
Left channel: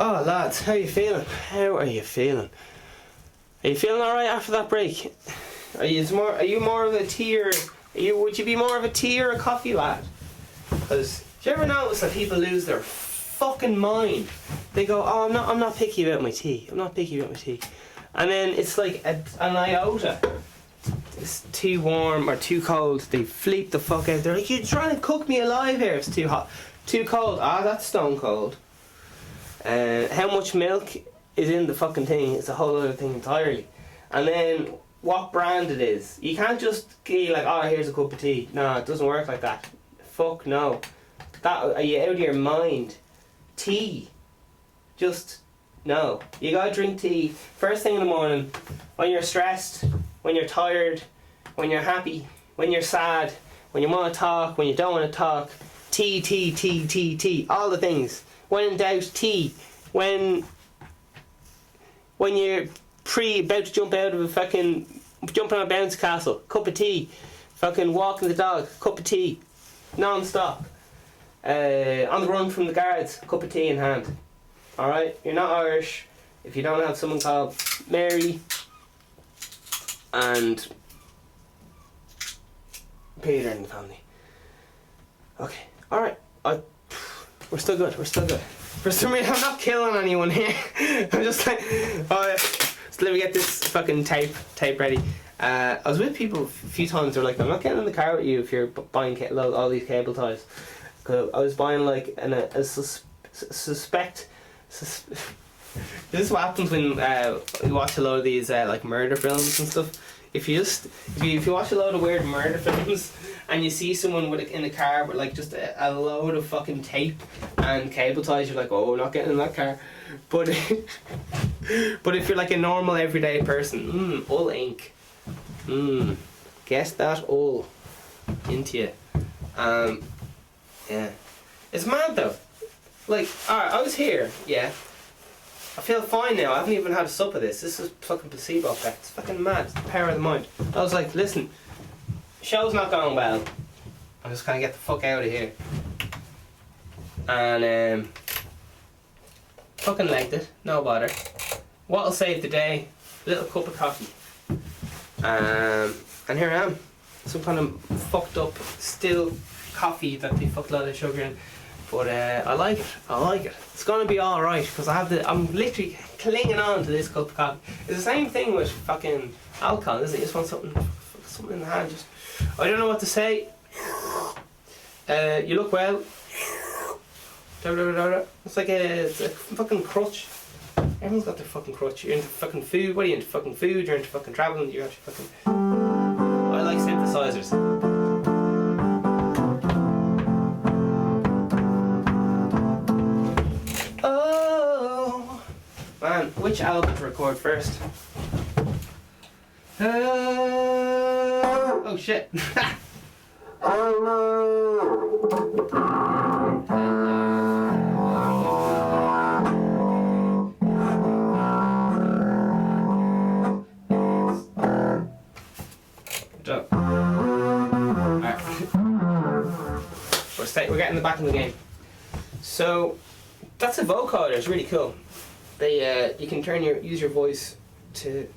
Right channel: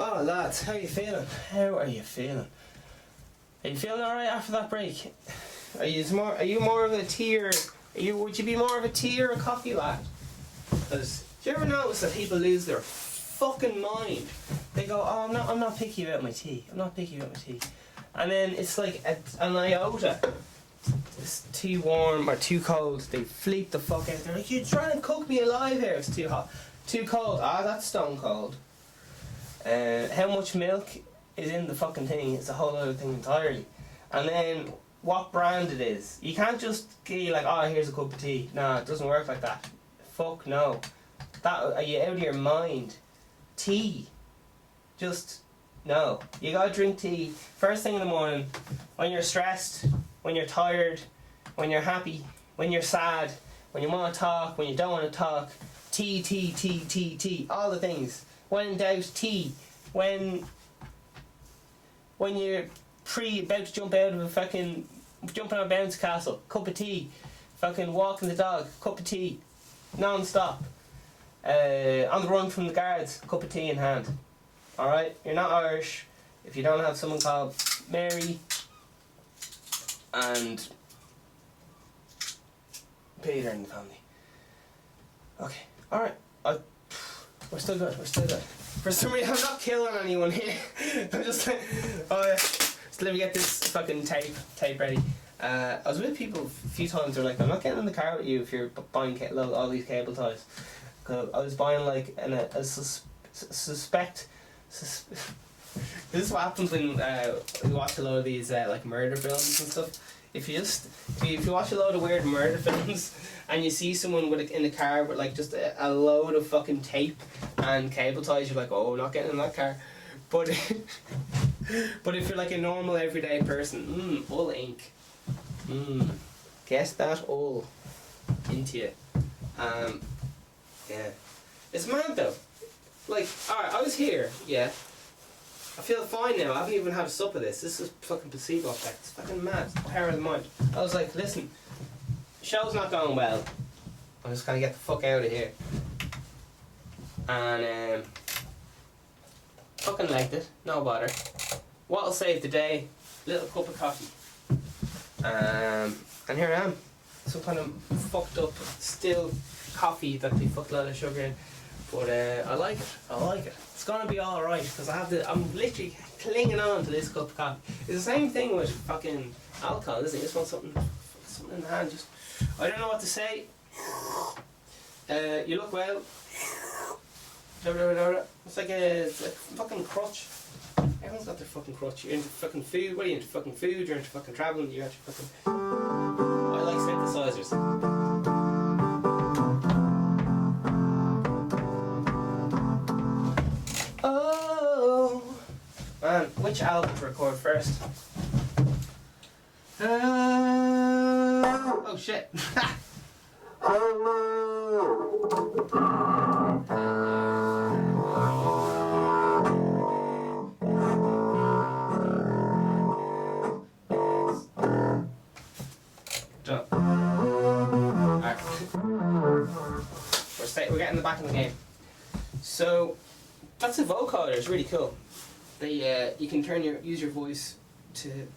Oh lads, how you feeling? How are you feeling? Are you feeling alright after that break? Are you more of a tea or would you be more of a tea or a coffee lad? Because do you ever notice that people lose their fucking mind? They go, oh I'm not picky about my tea. I'm not picky about my tea. And then it's like an iota. It's too warm or too cold, they fleep the fuck out. They're like, you're trying to cook me alive here, it's too hot. Too cold, that's stone cold. How much milk is in the fucking thing is a whole other thing entirely. And then what brand it is. You can't just be like, oh here's a cup of tea. No, it doesn't work like that. Fuck no. Are you out of your mind? Tea. Just no. You gotta drink tea first thing in the morning, when you're stressed, when you're tired, when you're happy, when you're sad, when you want to talk, when you don't want to talk. Tea, tea, tea, tea, tea. All the things. When in doubt, tea. When you're about to jump out of a fucking, jumping on a bounce castle, cup of tea. Fucking walking the dog, cup of tea. Non-stop. On the run from the guards, cup of tea in hand. Alright? You're not Irish if you don't have someone called Mary and Peter in the family. Okay, alright. We're still good. For some reason, I'm not killing anyone here. I'm just like, so let me get this fucking tape ready. I was with people a few times, they're like, I'm not getting in the car with you if you're buying all these cable ties. Cause I was buying like suspect. This is what happens when you watch a lot of these like murder films and stuff. If you watch a load of weird murder films and you see someone in a car with like just a load of fucking tape and cable ties, you're like, oh, not getting in that car. But if you're like a normal everyday person, all ink, guess that all into you. Yeah, it's mad though. Like, alright, I was here, yeah. I feel fine now. I haven't even had a sup of this. This is fucking placebo effect. It's fucking mad. It's the power of the mind. I was like, listen, show's not going well. I'm just gonna get the fuck out of here. And fucking liked it. No bother. What'll save the day? A little cup of coffee. And here I am. Some kind of fucked up still coffee that they fucked a lot of sugar in. But I like it. It's gonna be alright because I'm literally clinging on to this cup of coffee. It's the same thing with fucking alcohol, isn't it? You just want something in the hand. Just, I don't know what to say. You look well. It's like it's a fucking crutch. Everyone's got their fucking crutch. You're into fucking food. What are you into? Fucking food. You're into fucking traveling. You're actually fucking. I like synthesizers. man, which album to record first? Oh shit. Done. Alright. We're getting the back of the game. So that's a vocoder. It's really cool. They you can use your voice to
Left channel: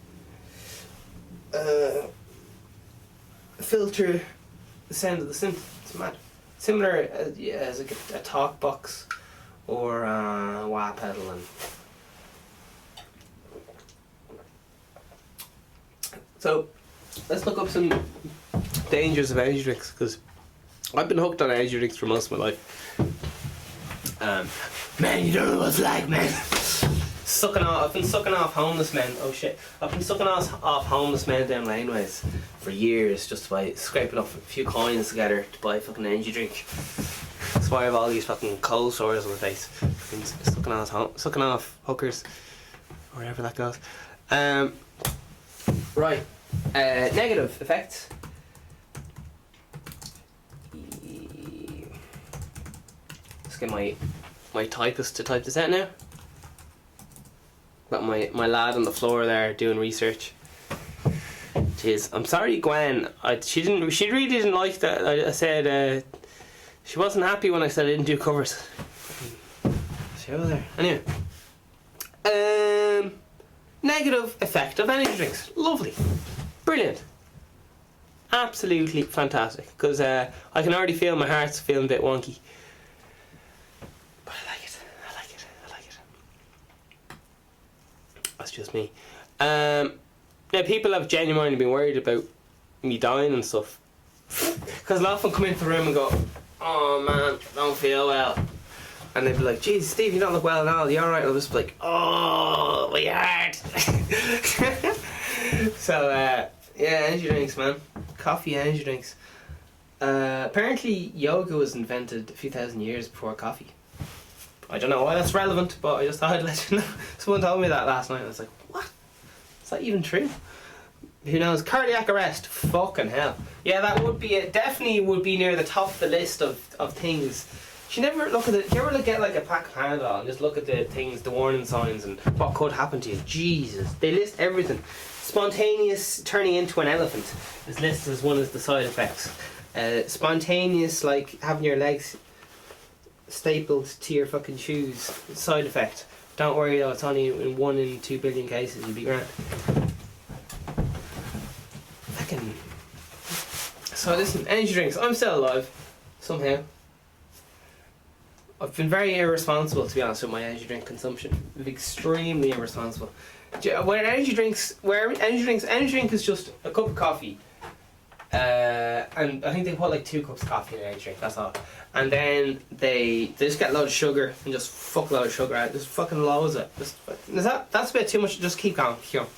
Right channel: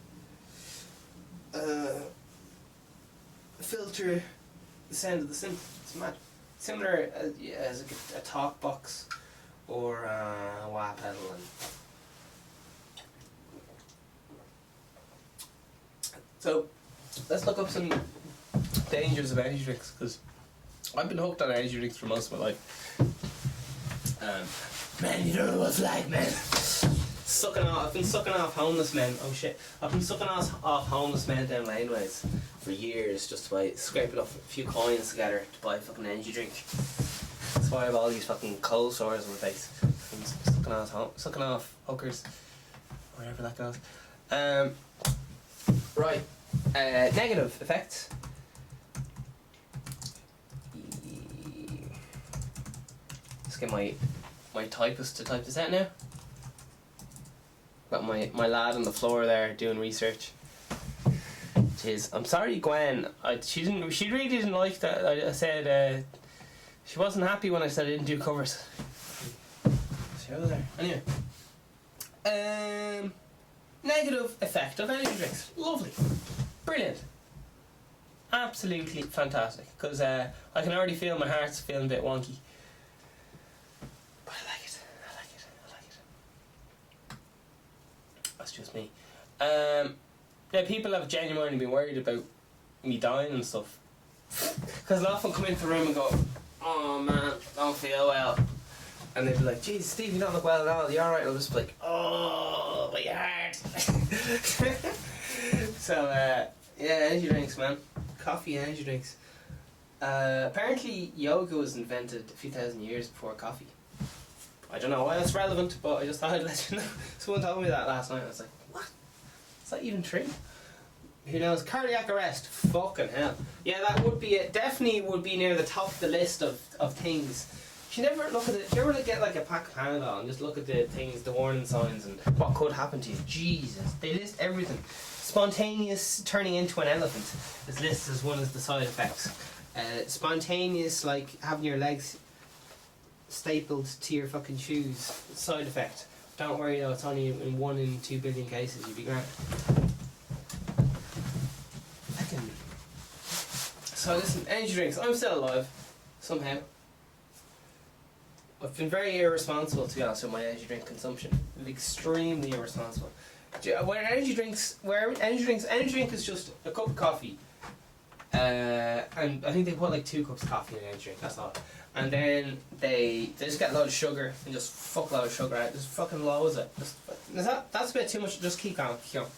filter the sound of the synth. It's mad. Similar as a talk box or a wah pedal. So let's look up some dangers of energy drinks, because I've been hooked on energy drinks for most of my life. Man, you don't know what it's like, man. I've been sucking off homeless men. Oh shit! I've been sucking off homeless men down laneways for years, just by scraping up a few coins together to buy a fucking energy drink. That's why I have all these fucking cold sores on the face. Been sucking off hookers, or wherever that goes. Right. Negative effects. Let's get my typist to type this out now. Got my lad on the floor there doing research. Jeez, I'm sorry, Gwen. She really didn't like that. I said she wasn't happy when I said I didn't do covers. She was there. Anyway. Negative effect of energy drinks. Lovely. Brilliant. Absolutely fantastic. Because I can already feel my heart's feeling a bit wonky. But I like it. That's just me. Now people have genuinely been worried about me dying and stuff. Because I'll often come into the room and go, oh man, don't feel well. And they'd be like, geez, Steve, you don't look well at all, you alright? And I'll just be like, oh, my heart. So, yeah, energy drinks, man. Coffee, energy drinks. Apparently, yoga was invented a few thousand years before coffee. I don't know why that's relevant, but I just thought I'd let you know. Someone told me that last night. I was like, what? Is that even true? Who knows? Cardiac arrest. Fucking hell. Yeah, that would be it. Definitely would be near the top of the list of things. You never look at it. You ever get like a pack of Panadol and just look at the things, the warning signs, and what could happen to you? Jesus, they list everything. Spontaneous turning into an elephant is listed as one of the side effects. Spontaneous, like having your legs stapled to your fucking shoes, side effect. Don't worry though, it's only in 1 in 2 billion cases. You'll be grand. Fucking. So listen, energy drinks. I'm still alive somehow. I've been very irresponsible, to be honest, with my energy drink consumption. Extremely irresponsible. Energy drink is just a cup of coffee, and I think they put like 2 cups of coffee in an energy drink. That's all. And then they just get a load of sugar and just fuck a load of sugar out. Just fucking loads of it. That's a bit too much. Just keep going. Keep going.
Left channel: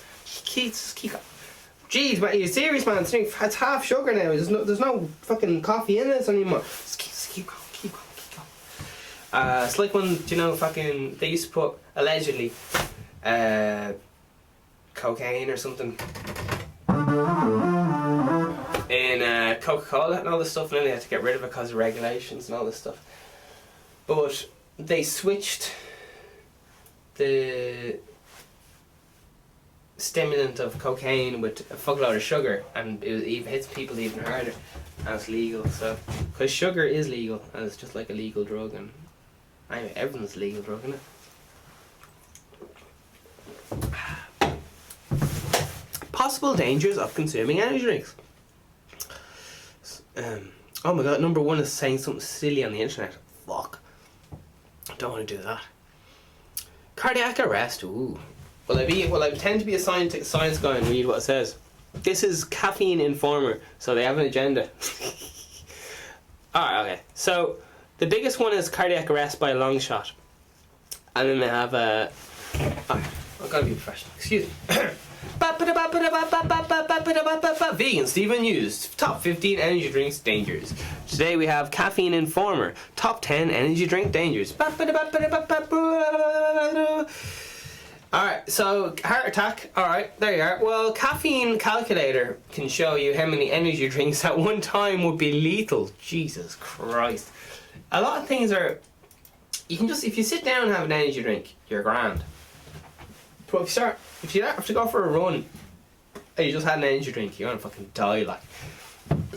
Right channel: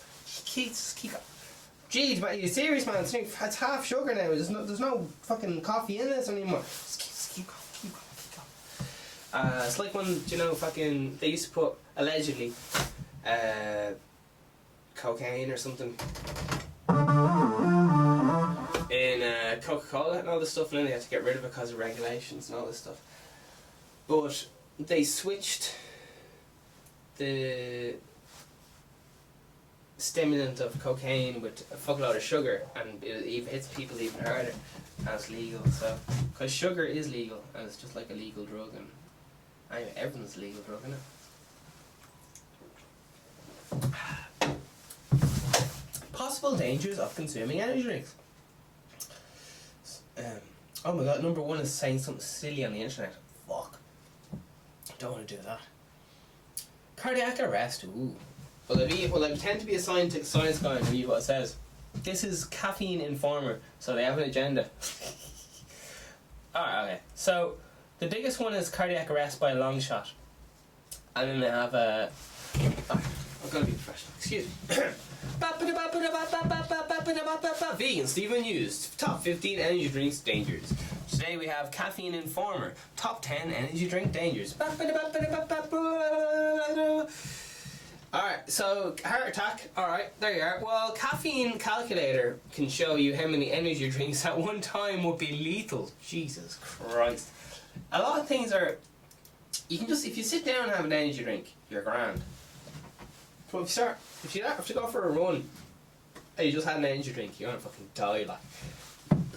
Jeez, man, you're serious, man? It's half sugar now. There's no fucking coffee in this anymore. Just keep going. It's like when, fucking, they used to put, allegedly, cocaine or something in Coca-Cola and all this stuff, and then they had to get rid of it because of regulations and all this stuff. But they switched the stimulant of cocaine with a fuckload of sugar, and it even hits people even harder, and it's legal. So, because sugar is legal, and it's just like a legal drug, and anyway, everything's a legal drug, isn't it? Possible dangers of consuming energy drinks. Oh my god, number 1 is saying something silly on the internet. Fuck. Don't want to do that. Cardiac arrest. Ooh. Will I pretend to be a science guy and read what it says? This is Caffeine Informer, so they have an agenda. Alright, okay. So, the biggest one is cardiac arrest by a long shot. And then they have a... I've got to be professional. Excuse me. Vegan Stephen News. Top 15 energy drinks dangers. Today we have Caffeine Informer. Top 10 energy drink dangers. Alright, so heart attack. Alright, there you are. Well, caffeine calculator can show you how many energy drinks at one time would be lethal. Jesus Christ. A lot of things are... You can just... If you sit down and have an energy drink, you're grand. But if you have to go for a run and you just had an energy drink, you're gonna fucking die, like.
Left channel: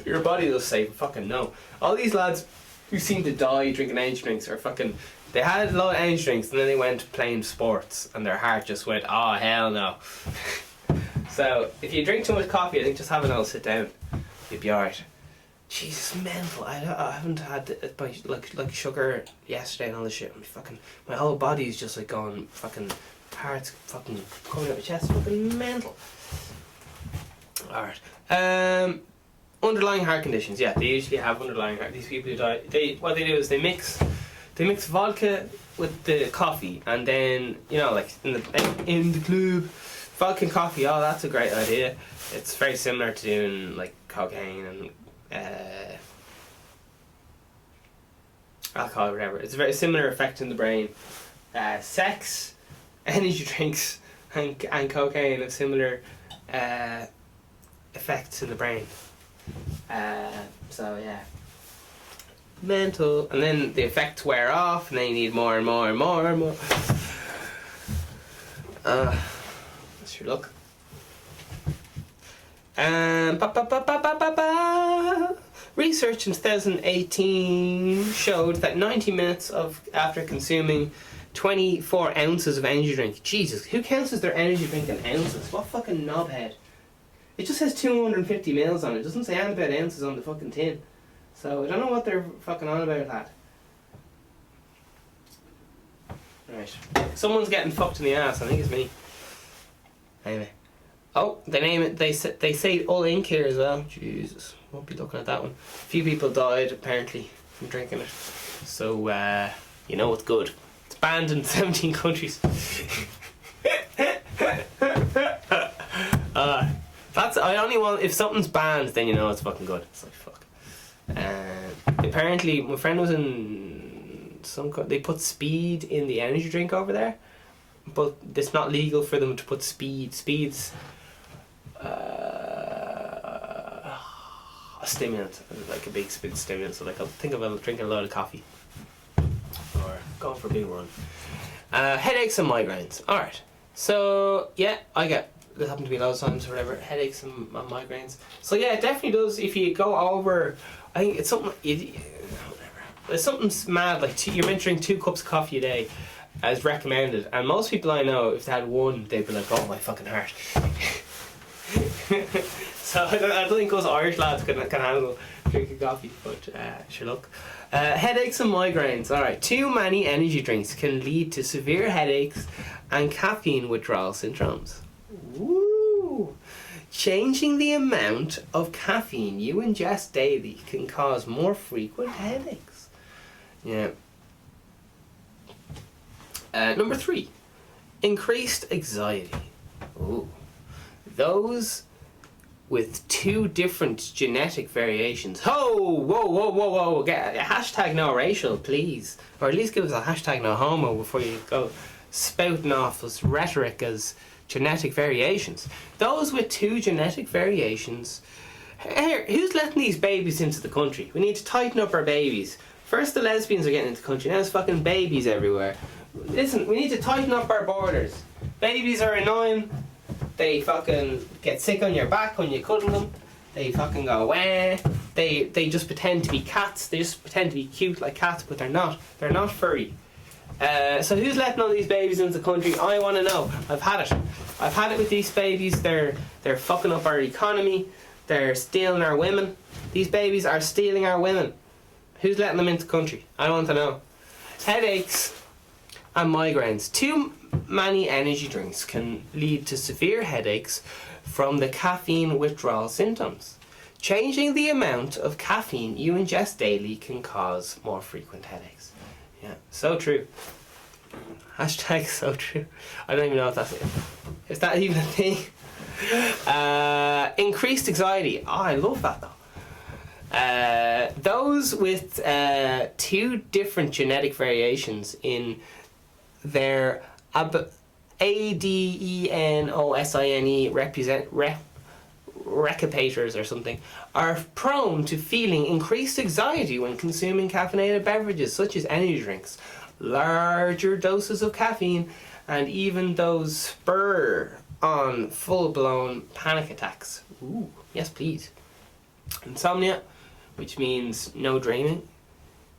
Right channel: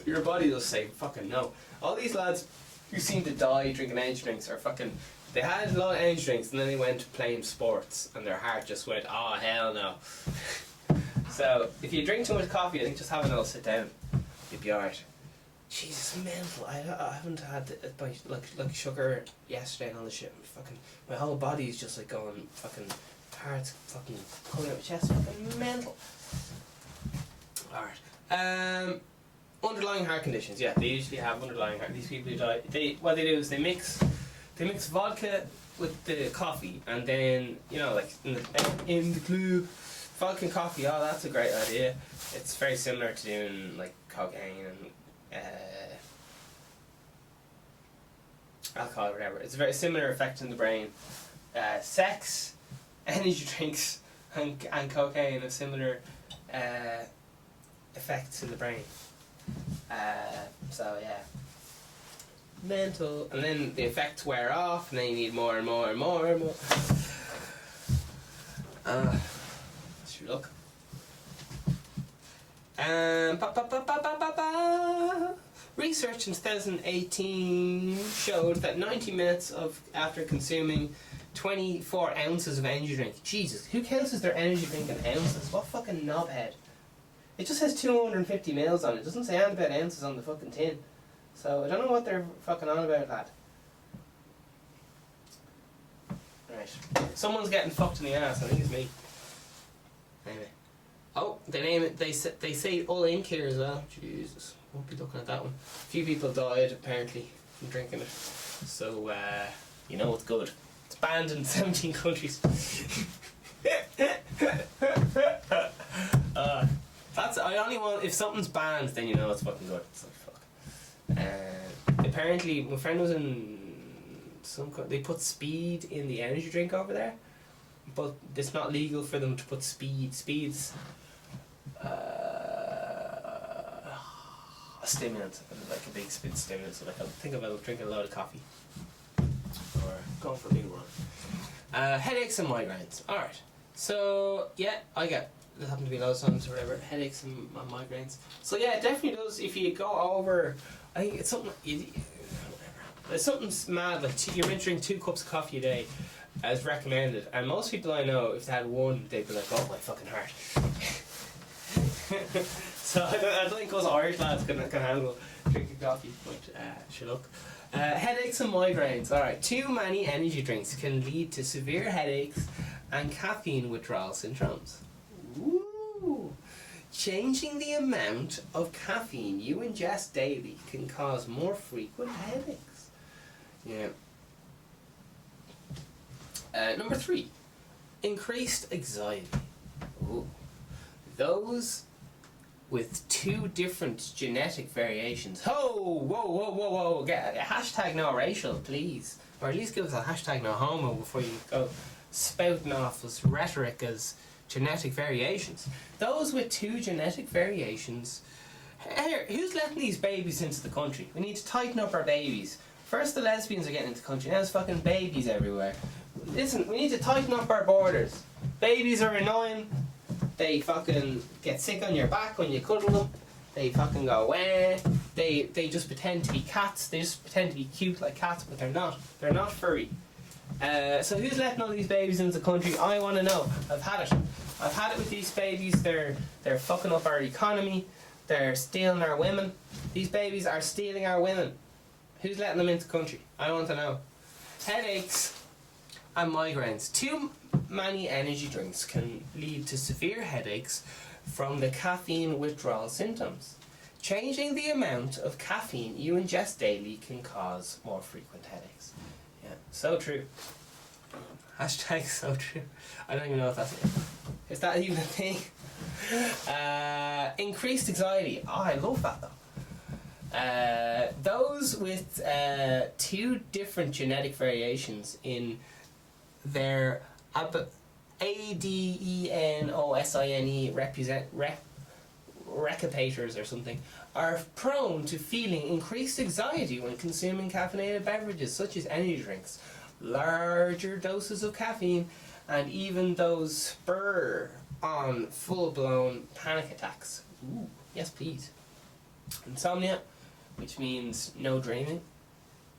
Your body will say fucking no. All these lads who seem to die drinking energy drinks are fucking... They had a lot of energy drinks and then they went playing sports and their heart just went, oh hell no. So if you drink too much coffee, I think just have a little sit down, you'll be alright. Jesus, mental. I haven't had like sugar yesterday and all this shit. My whole body's just like going fucking, heart's fucking coming out of my chest. Fucking mental. Alright. Underlying heart conditions. Yeah, they usually have underlying heart. These people who die, what they do is they mix vodka with the coffee, and then, you know, like in the club, vodka and coffee. Oh, that's a great idea. It's very similar to doing like cocaine and alcohol or whatever. It's a very similar effect in the brain. Sex, energy drinks, and cocaine have similar effects in the brain. So yeah. Mental, and then the effects wear off, and then you need more and more and more and more. That's your luck. Research in 2018 showed that 90 minutes after consuming 24 ounces of energy drink. Jesus, who counts as their energy drink in ounces? What fucking knobhead? It just says 250 mils on it. It doesn't say anything about ounces on the fucking tin. So I don't know what they're fucking on about that. Right. Someone's getting fucked in the ass. I think it's me. Anyway. Oh, they name it. They say all ink here as well. Jesus, won't be looking at that one. A few people died apparently from drinking it. So you know it's good. It's banned in 17 countries. That's I only want if something's banned, then you know it's fucking good. It's like fuck. Apparently, my friend was in they put speed in the energy drink over there, but it's not legal for them to put speeds. A stimulant, like a big stimulant. So like, think of drinking a load of coffee or going for a big run. Headaches and migraines. All right. So yeah, it happened to me loads of times or whatever. Headaches and migraines. So yeah, it definitely does. If you go over, I think it's something. It's something mad. Like you're meant to drink 2 cups of coffee a day, as recommended. And most people I know, if they had one, they'd be like, "Oh my fucking heart." So I don't think us Irish lads can handle drinking coffee. But sure, look. Headaches and migraines. All right. Too many energy drinks can lead to severe headaches and caffeine withdrawal syndromes. Woo! Changing the amount of caffeine you ingest daily can cause more frequent headaches. Yeah. Number 3, increased anxiety. Ooh. Those with 2 different genetic variations. Whoa! Get a hashtag no racial, please. Or at least give us a hashtag no homo before you go spouting off this rhetoric as genetic variations. Those with 2 genetic variations. Here, who's letting these babies into the country? We need to tighten up our babies. First the lesbians are getting into the country, now there's fucking babies everywhere. Listen, we need to tighten up our borders. Babies are annoying. They fucking get sick on your back when you cuddle them. They fucking go wah. They just pretend to be cats. They just pretend to be cute like cats, but they're not. They're not furry. So who's letting all these babies into the country? I want to know. I've had it with these babies. They're fucking up our economy. They're stealing our women. These babies are stealing our women. Who's letting them into the country? I want to know. Headaches and migraines. Too many energy drinks can lead to severe headaches from the caffeine withdrawal symptoms. Changing the amount of caffeine you ingest daily can cause more frequent headaches. Yeah, so true. Hashtag so true. I don't even know if that's it. Is that even a thing? Increased anxiety. Oh, I love that though. Those with 2 different genetic variations in their adenosine recapitulars or something are prone to feeling increased anxiety when consuming caffeinated beverages such as energy drinks. Larger doses of caffeine and even those spur on full-blown panic attacks. Ooh, yes please. Insomnia, which means no dreaming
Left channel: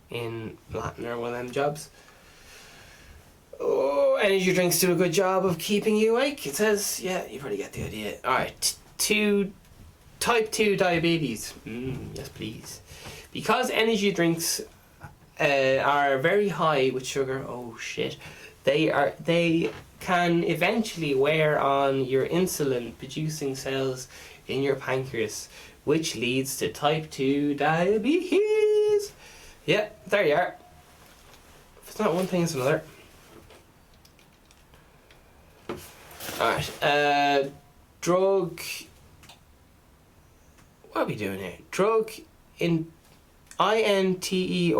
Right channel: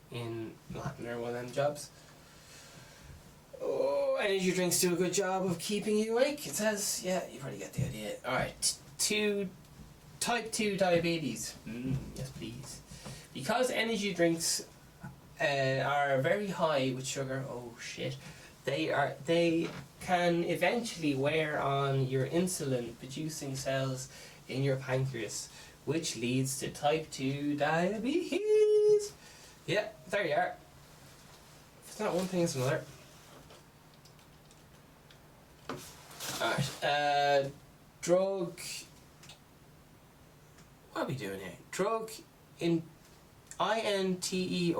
in Latin or one of them jobs. Oh, energy drinks do a good job of keeping you awake. It says, yeah, you probably get the idea. Alright, type 2 diabetes. Yes please. Because energy drinks are very high with sugar, oh shit, they can eventually wear on your insulin producing cells in your pancreas, which leads to type 2 diabetes. Yeah, there you are. If it's not one thing, it's another. Alright, drug. What are we doing here? Drug in INTERACTION.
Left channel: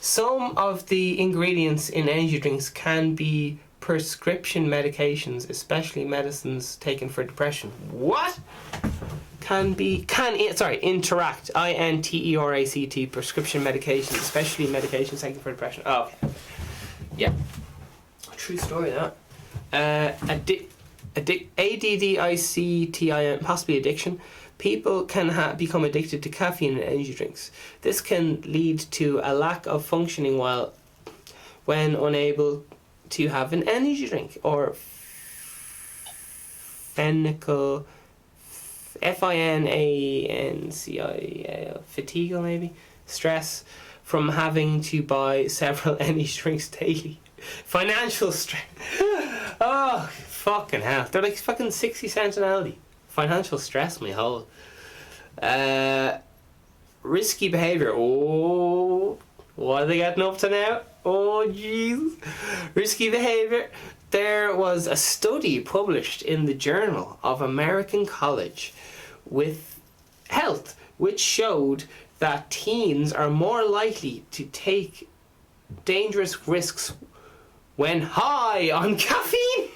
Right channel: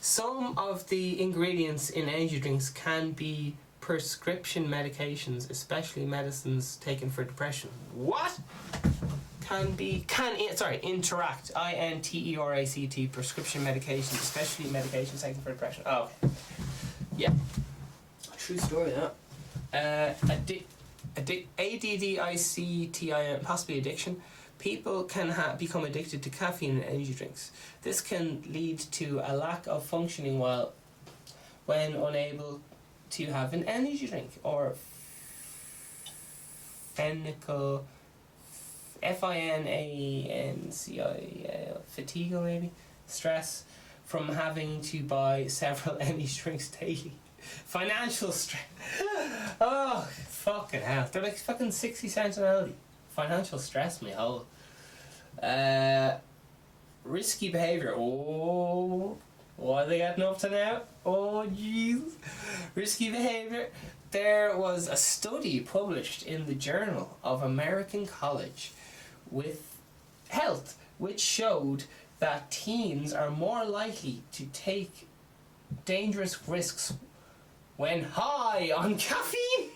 Some of the ingredients in energy drinks can be prescription medications, especially medicines taken for depression. What? Interact. INTERACT. Prescription medications, especially medications taken for depression. Oh, okay. Yeah. True story, that. ADDICTIN, possibly addiction. People can become addicted to caffeine and energy drinks. This can lead to a lack of functioning when unable to have an energy drink, or FINANCI, fatigue maybe, stress from having to buy several energy drinks daily. Financial stress. Oh, fucking hell. They're like fucking 60 cents an Aldi. Financial stress, my whole. Risky behaviour. Oh, what are they getting up to now? Oh, jeez. Risky behaviour. There was a study published in the Journal of American College with Health, which showed that teens are more likely to take dangerous risks when high on caffeine.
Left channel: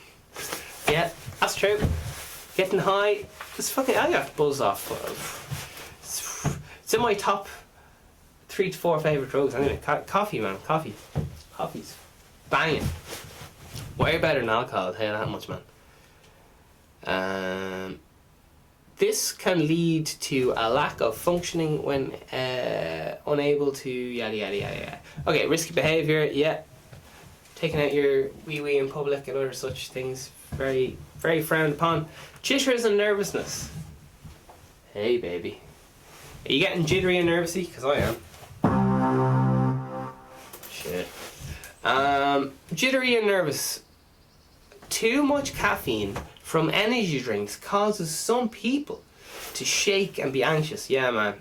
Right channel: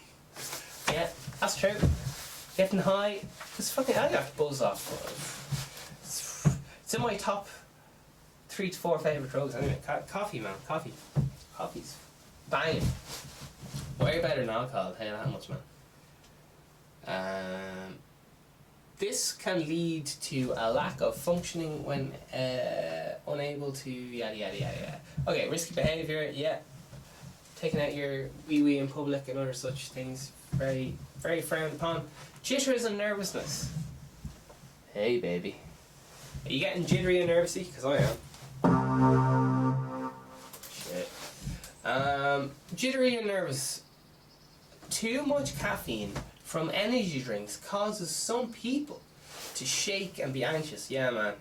Yeah, that's true. Getting high, I got buzz off. It's in my top 3 to 4 favourite drugs. Anyway, coffee, man. Coffee's banging. Way better than alcohol, I'll tell you that much, man. This can lead to a lack of functioning when unable to yada yada yada yada. Okay, risky behaviour, yeah. Taking out your wee in public and other such things, very, very frowned upon. Jitters and nervousness. Hey, baby. Are you getting jittery and nervousy? Because I am. Shit. Jittery and nervous. Too much caffeine from energy drinks causes some people to shake and be anxious. Yeah, man.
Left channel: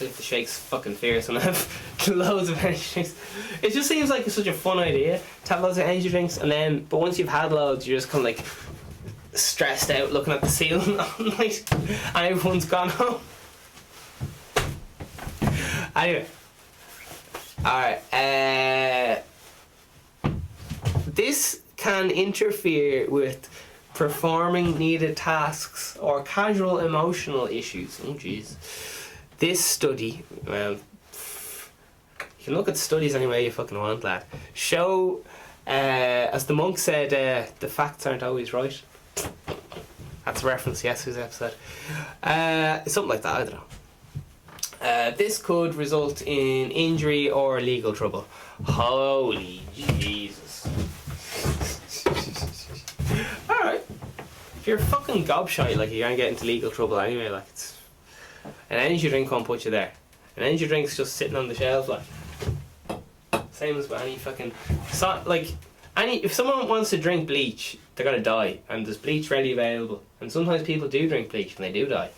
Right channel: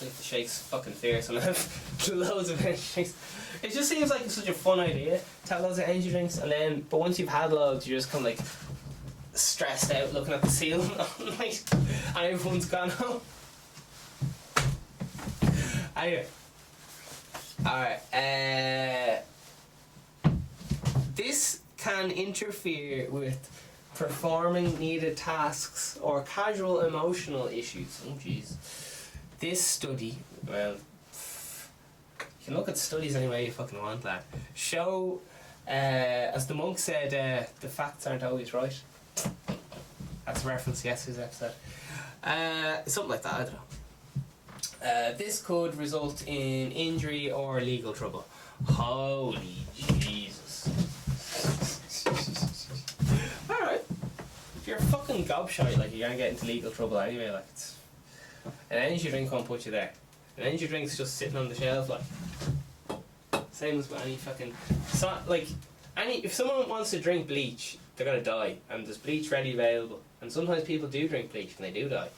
Like the shake's fucking fierce and I have loads of energy drinks. It just seems like it's such a fun idea to have loads of energy drinks, but once you've had loads, you're just kind of like stressed out looking at the ceiling all night and everyone's gone home. Anyway. Alright, this can interfere with performing needed tasks or casual emotional issues. Oh jeez. This study, well, you can look at studies any way you fucking want, lad. Show, as the monk said, the facts aren't always right. That's a reference to yesterday's episode. Something like that, I don't know. This could result in injury or legal trouble. Holy Jesus. Alright. If you're fucking gobshite, like, you're gonna get into legal trouble anyway, like, it's... An energy drink won't put you there. An energy drink's just sitting on the shelf, like... Same as with any fucking... if someone wants to drink bleach, they're gonna die, and there's bleach readily available. And sometimes people do drink bleach and they do die.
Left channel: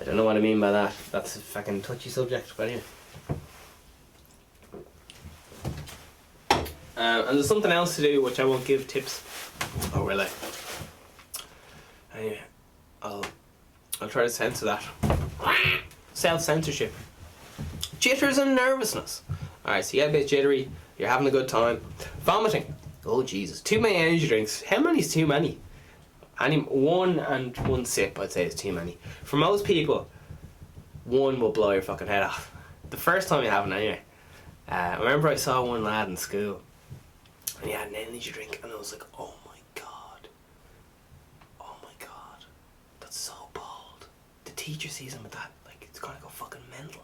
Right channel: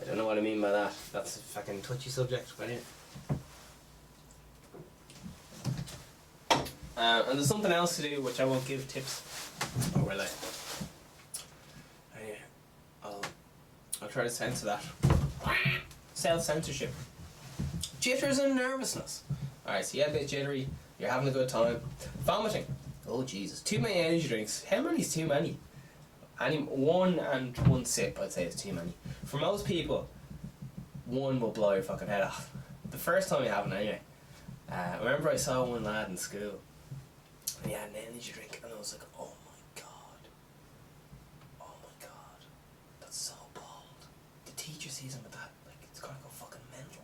I don't know what I mean by that. That's a fucking touchy subject, but anyway. And there's something else to do which I won't give tips. Oh, really? Anyway, I'll try to censor that. Self-censorship. Jitters and nervousness. Alright, so you get a bit jittery, you're having a good time. Vomiting. Oh Jesus. Too many energy drinks. How many is too many? One sip, I'd say, is too many. For most people, one will blow your fucking head off. The first time you have it anyway. I remember I saw one lad in school and he had an energy drink and I was like, oh my god, that's so bold. The teacher sees him with that, like, it's gonna go fucking mental.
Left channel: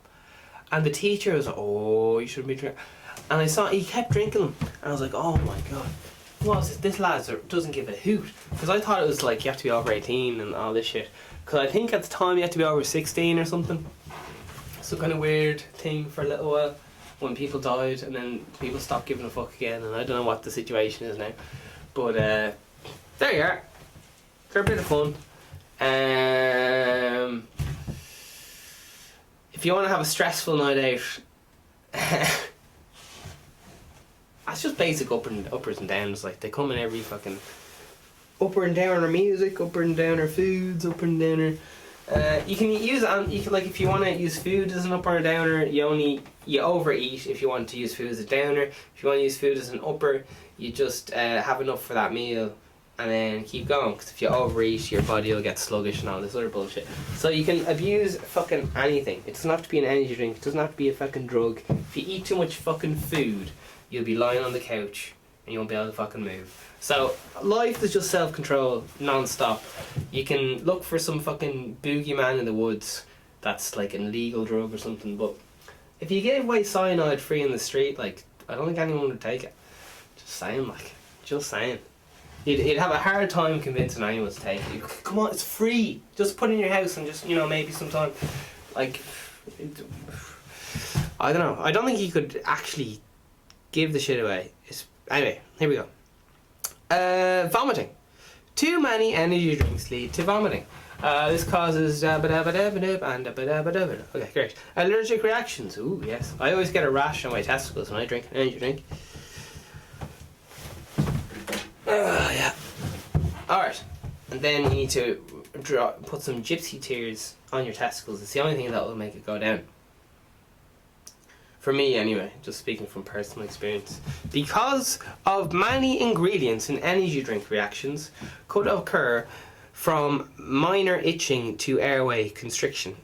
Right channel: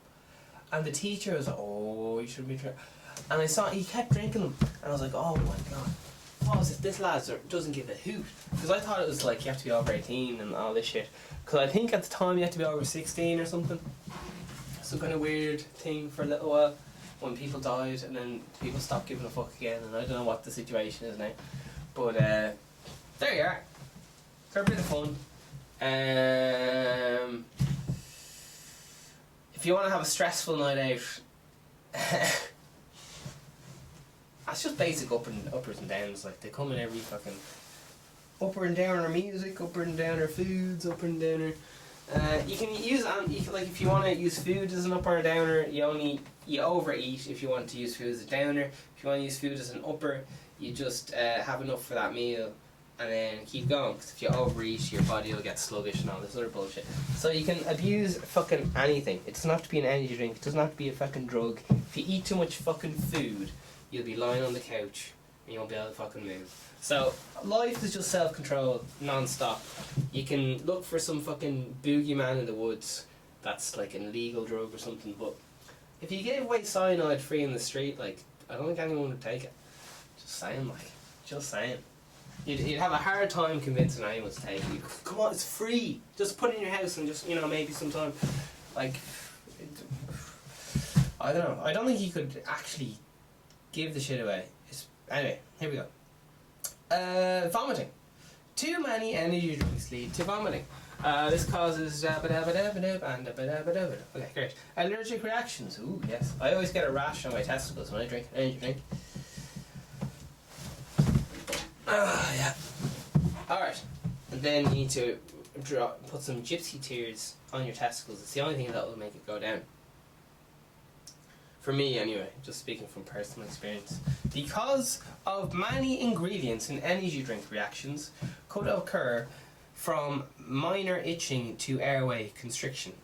And the teacher was like, oh, you shouldn't be drinking. And I saw he kept drinking them and I was like, oh my god, what is this lad doesn't give a hoot. Because I thought it was like you have to be over 18 and all this shit. Because I think at the time you had to be over 16 or something. Some kind of weird thing for a little while when people died and then people stopped giving a fuck again, and I don't know what the situation is now. But there you are. They're a bit of fun. If you want to have a stressful night out, that's just basic uppers and downs. Like, they come in every fucking upper and downer music, upper and downer foods, upper and downer. You can use like, if you want to use food as an upper or downer, you overeat. If you want to use food as a downer, if you want to use food as an upper, you just have enough for that meal and then keep going. Because if you overeat, your body will get sluggish and all this other bullshit. So you can abuse fucking anything. It doesn't have to be an energy drink. It doesn't have to be a fucking drug. If you eat too much fucking food, you'll be lying on the couch and you won't be able to fucking move. So life is just self-control non-stop. You can look for some fucking boogeyman in the woods that's like an illegal drug or something, but if you gave away cyanide free in the street, like, I don't think anyone would take it. Just saying. You'd have a hard time convincing anyone to take it. Come on, it's free. Just put it in your house and just, maybe sometime. Like, I don't know. I don't think you could actually give the shit away. Anyway, here we go. Vomiting. Too many energy drinks lead to vomiting. This causes okay, great. Allergic reactions. Ooh, yes. I always get a rash on my testicles when I drink an energy drink. Yeah. Alright. And then you need to put some gypsy tears on your testicles. It's the only thing that will make it go down. For me, anyway, just speaking from personal experience. Because of many ingredients in energy drink reactions could occur from minor itching to airway constriction.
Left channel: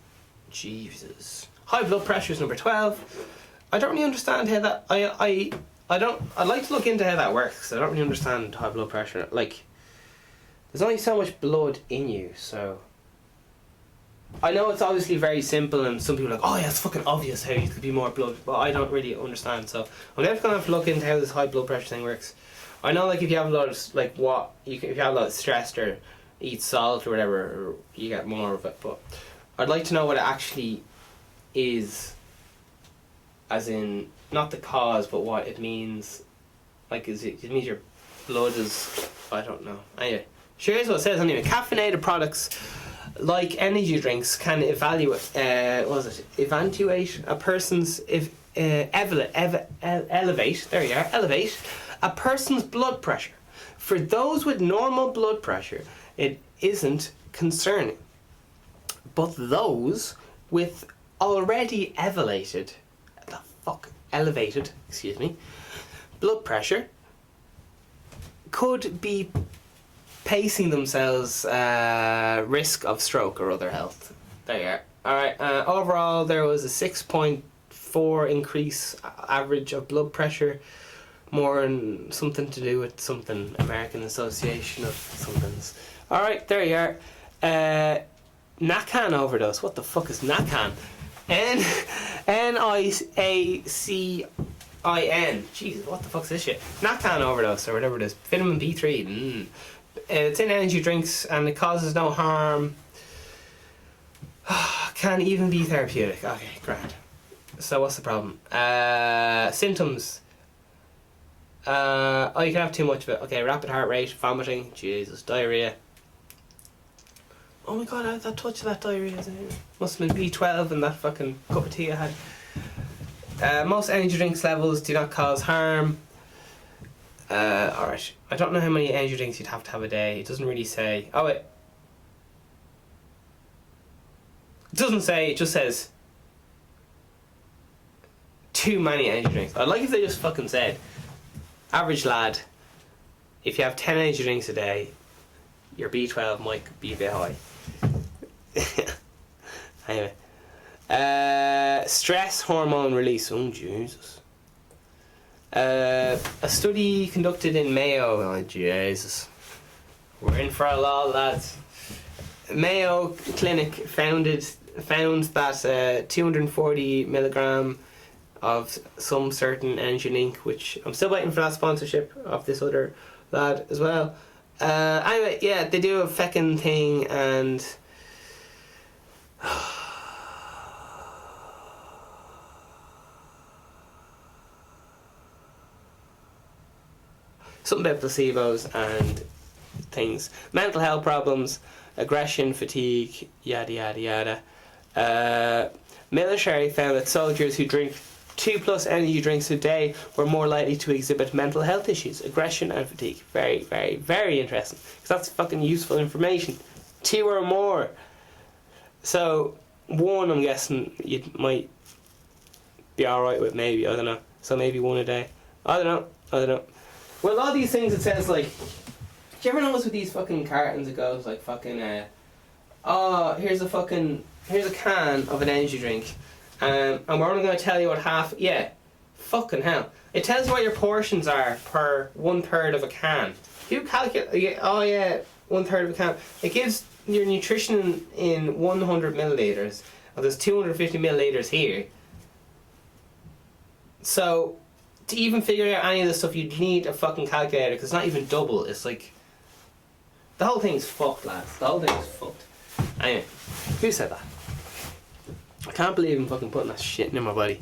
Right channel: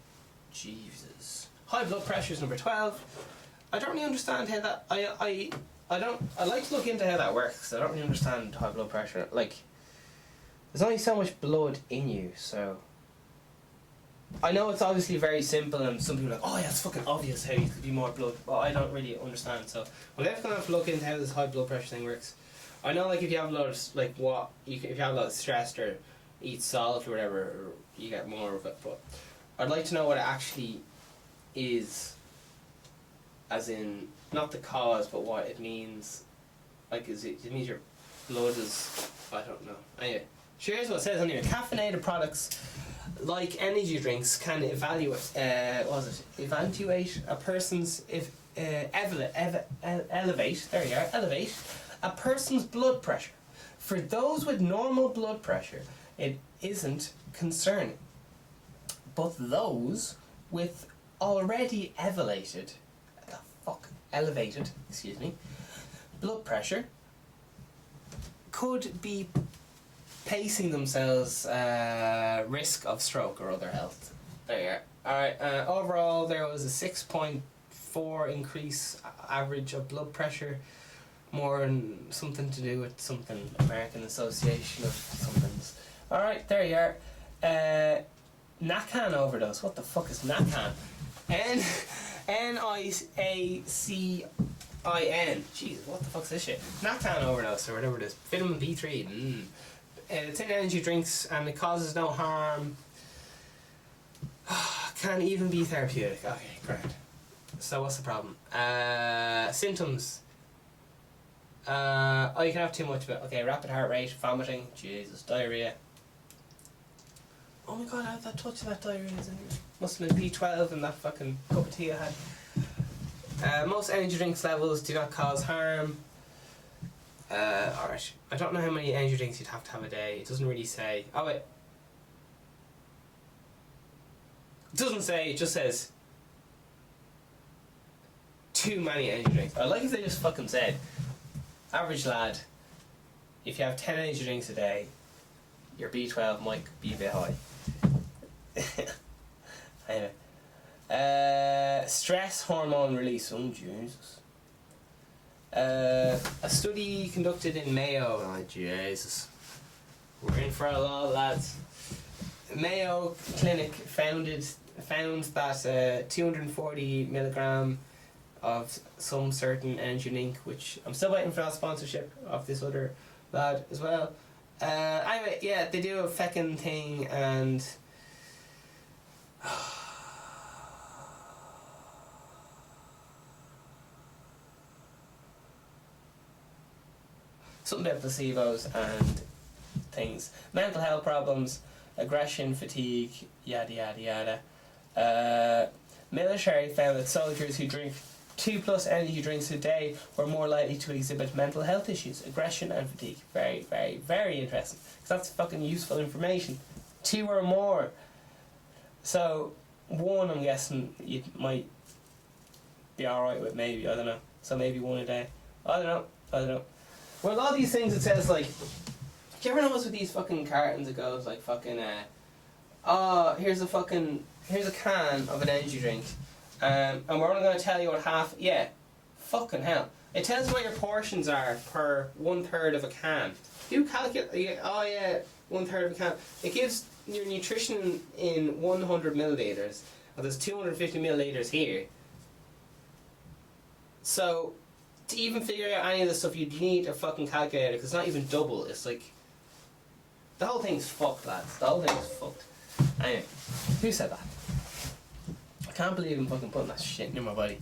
Jesus. High blood pressure is number 12. I don't really understand how that... I'd like to look into how that works, because I don't really understand high blood pressure. Like, there's only so much blood in you, so... I know it's obviously very simple, and some people are like, oh yeah, it's fucking obvious how you could be more blood, but I don't really understand, so I'm never gonna have to look into how this high blood pressure thing works. I know, like, if you have a lot of, like, if you have a lot of stress or eat salt or whatever, you get more of it, but I'd like to know what it actually is, as in, not the cause, but what it means. Like, it means your blood is, I don't know. Anyway, here's what it says anyway. Caffeinated products like energy drinks can elevate a person's elevate a person's blood pressure. For those with normal blood pressure, it isn't concerning, but those with already elevated blood pressure could be pacing themselves risk of stroke or other health. There you are. Alright, overall there was a 6.4 increase average of blood pressure, more in something to do with something, American Association of somethings. Alright, there you are. Nacan overdose. What the fuck is Nacan? N-I-A-C-I-N. Jesus, what the fuck's this shit? Nacan overdose, or whatever it is. Vitamin B3. It's in energy drinks and it causes no harm. Can even be therapeutic. Okay, grand. So what's the problem? Symptoms. You can have too much of it. Okay, rapid heart rate, vomiting, Jesus, diarrhea. Oh my god, I had that touch of that diarrhea. Must have been B12 in that fucking cup of tea I had. Most energy drinks levels do not cause harm. Alright. I don't know how many energy drinks you'd have to have a day. It doesn't really say. Oh wait. It doesn't say, it just says too many energy drinks. I'd like if they just fucking said, average lad, if you have 10 energy drinks a day, your B12 might be a bit high. Anyway. Stress hormone release. Oh, Jesus. A study conducted in Mayo. Oh, Jesus. We're in for a lot, lads. Mayo Clinic found that 240 milligram of some certain energy drink, which I'm still waiting for that sponsorship of this other lad as well. Anyway, yeah, they do a feckin' thing, and something about placebos and things. Mental health problems, aggression, fatigue, yada yada yada. Military found that soldiers who drink 2+ energy drinks a day were more likely to exhibit mental health issues, aggression and fatigue. Very, very, very interesting. Because that's fucking useful information. 2 or more. So, 1 I'm guessing you might be alright with, maybe, I don't know. So maybe 1 a day. I don't know. Well, all these things it says like, do you ever notice with these fucking cartons it goes like fucking, here's a can of an energy drink. And we're only going to tell you what fucking hell. It tells you what your portions are per 1/3 of a can. You calculate, 1/3 of a can. It gives your nutrition in 100 milliliters, and there's 250 milliliters here. So, to even figure out any of this stuff, you'd need a fucking calculator, because it's not even double. It's like, the whole thing's fucked, lads. The whole thing is fucked. Anyway, who said that? I can't believe I'm fucking putting that shit in my body.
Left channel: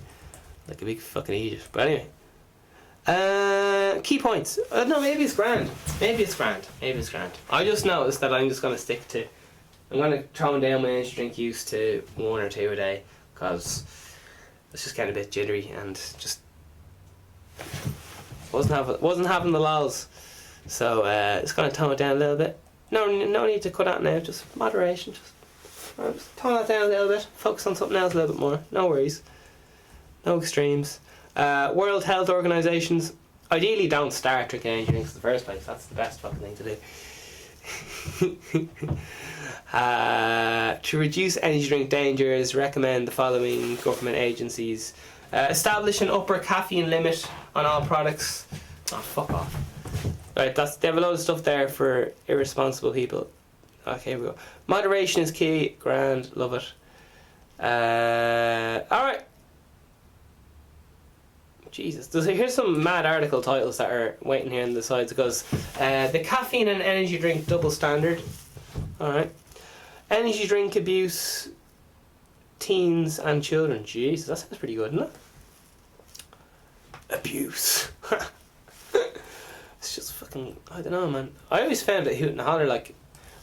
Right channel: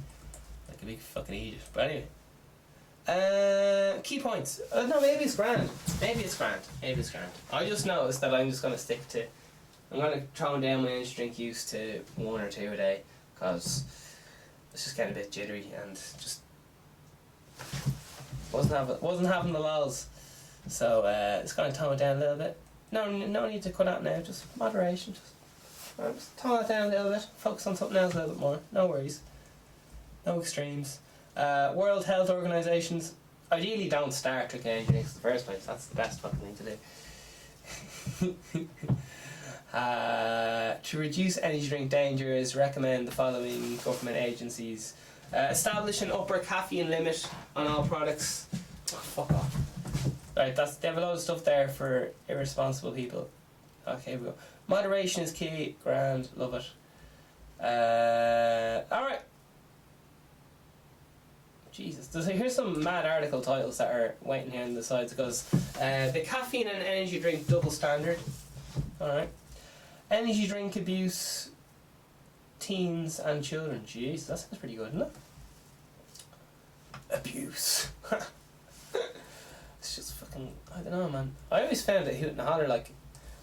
Like a big fucking idiot. But anyway. Key points. No, maybe it's grand. I just noticed that I'm just going to stick to... I'm going to tone down my energy drink use to 1 or 2 a day. Because it's just getting a bit jittery and just... Wasn't having the lols. So, it's going to tone it down a little bit. No need to cut out now. Just moderation. Just tone that down a little bit, focus on something else a little bit more, no worries, no extremes. World Health Organizations, ideally don't start drinking energy drinks in the first place, that's the best fucking thing to do. To reduce energy drink dangers, recommend the following government agencies. Establish an upper caffeine limit on all products. Oh, fuck off. Right, they have a lot of stuff there for irresponsible people. Okay, here we go. Moderation is key. Grand. Love it. Alright. Jesus. Here's some mad article titles that are waiting here on the sides. It goes, the caffeine and energy drink double standard. Alright. Energy drink abuse, teens and children. Jesus, that sounds pretty good, isn't it? Abuse. It's just fucking... I don't know, man. I always found it hoot and holler, like...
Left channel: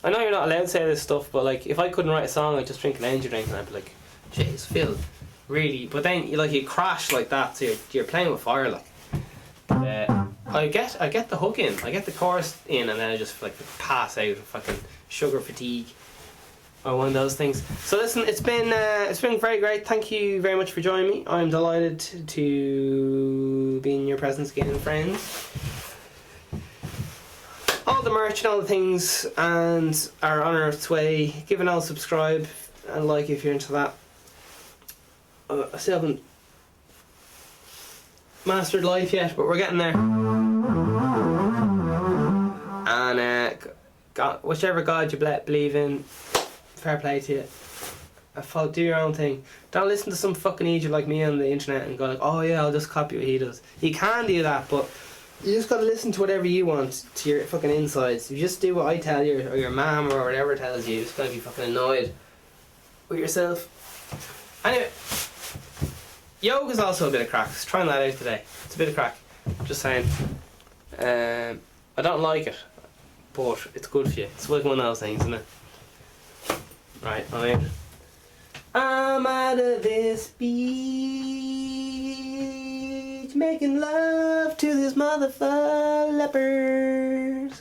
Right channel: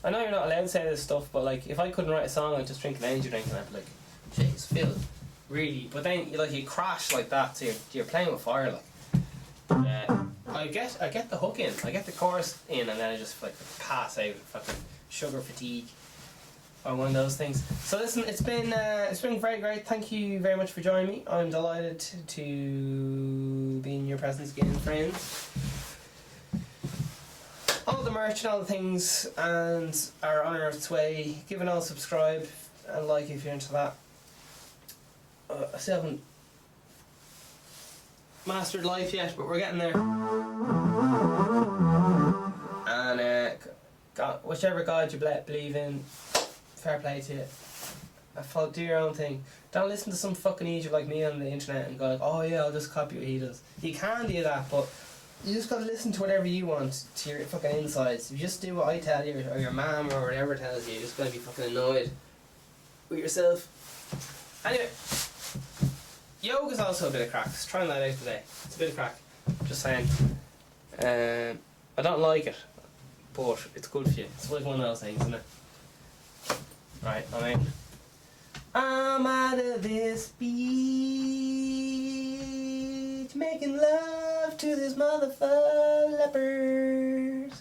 I know you're not allowed to say this stuff, but like, if I couldn't write a song, I'd just drink an energy drink and I'd be like, jeez, Phil, really? But then you crash like that, so you're playing with fire, like. I get the hook in, I get the chorus in, and then I just like pass out, fucking sugar fatigue, or one of those things. So listen, it's been very great. Thank you very much for joining me. I'm delighted to be in your presence again, friends. All the merch and all the things and are on its way. Give an all subscribe and like if you're into that. I still haven't mastered life yet, but we're getting there. And God, whichever God you believe in, fair play to you. Do your own thing. Don't listen to some fucking idiot like me on the internet and go like, oh yeah, I'll just copy what he does. You can do that, but you just gotta listen to whatever you want, to your fucking insides. If you just do what I tell you, or your mum, or whatever tells you, you're just gonna be fucking annoyed with yourself. Anyway, yoga's also a bit of crack. Just trying that out today. It's a bit of crack. Just saying. I don't like it, but it's good for you. It's like one of those things, isn't it? Right, I'm out of this beach, making love to this motherfucker leopard.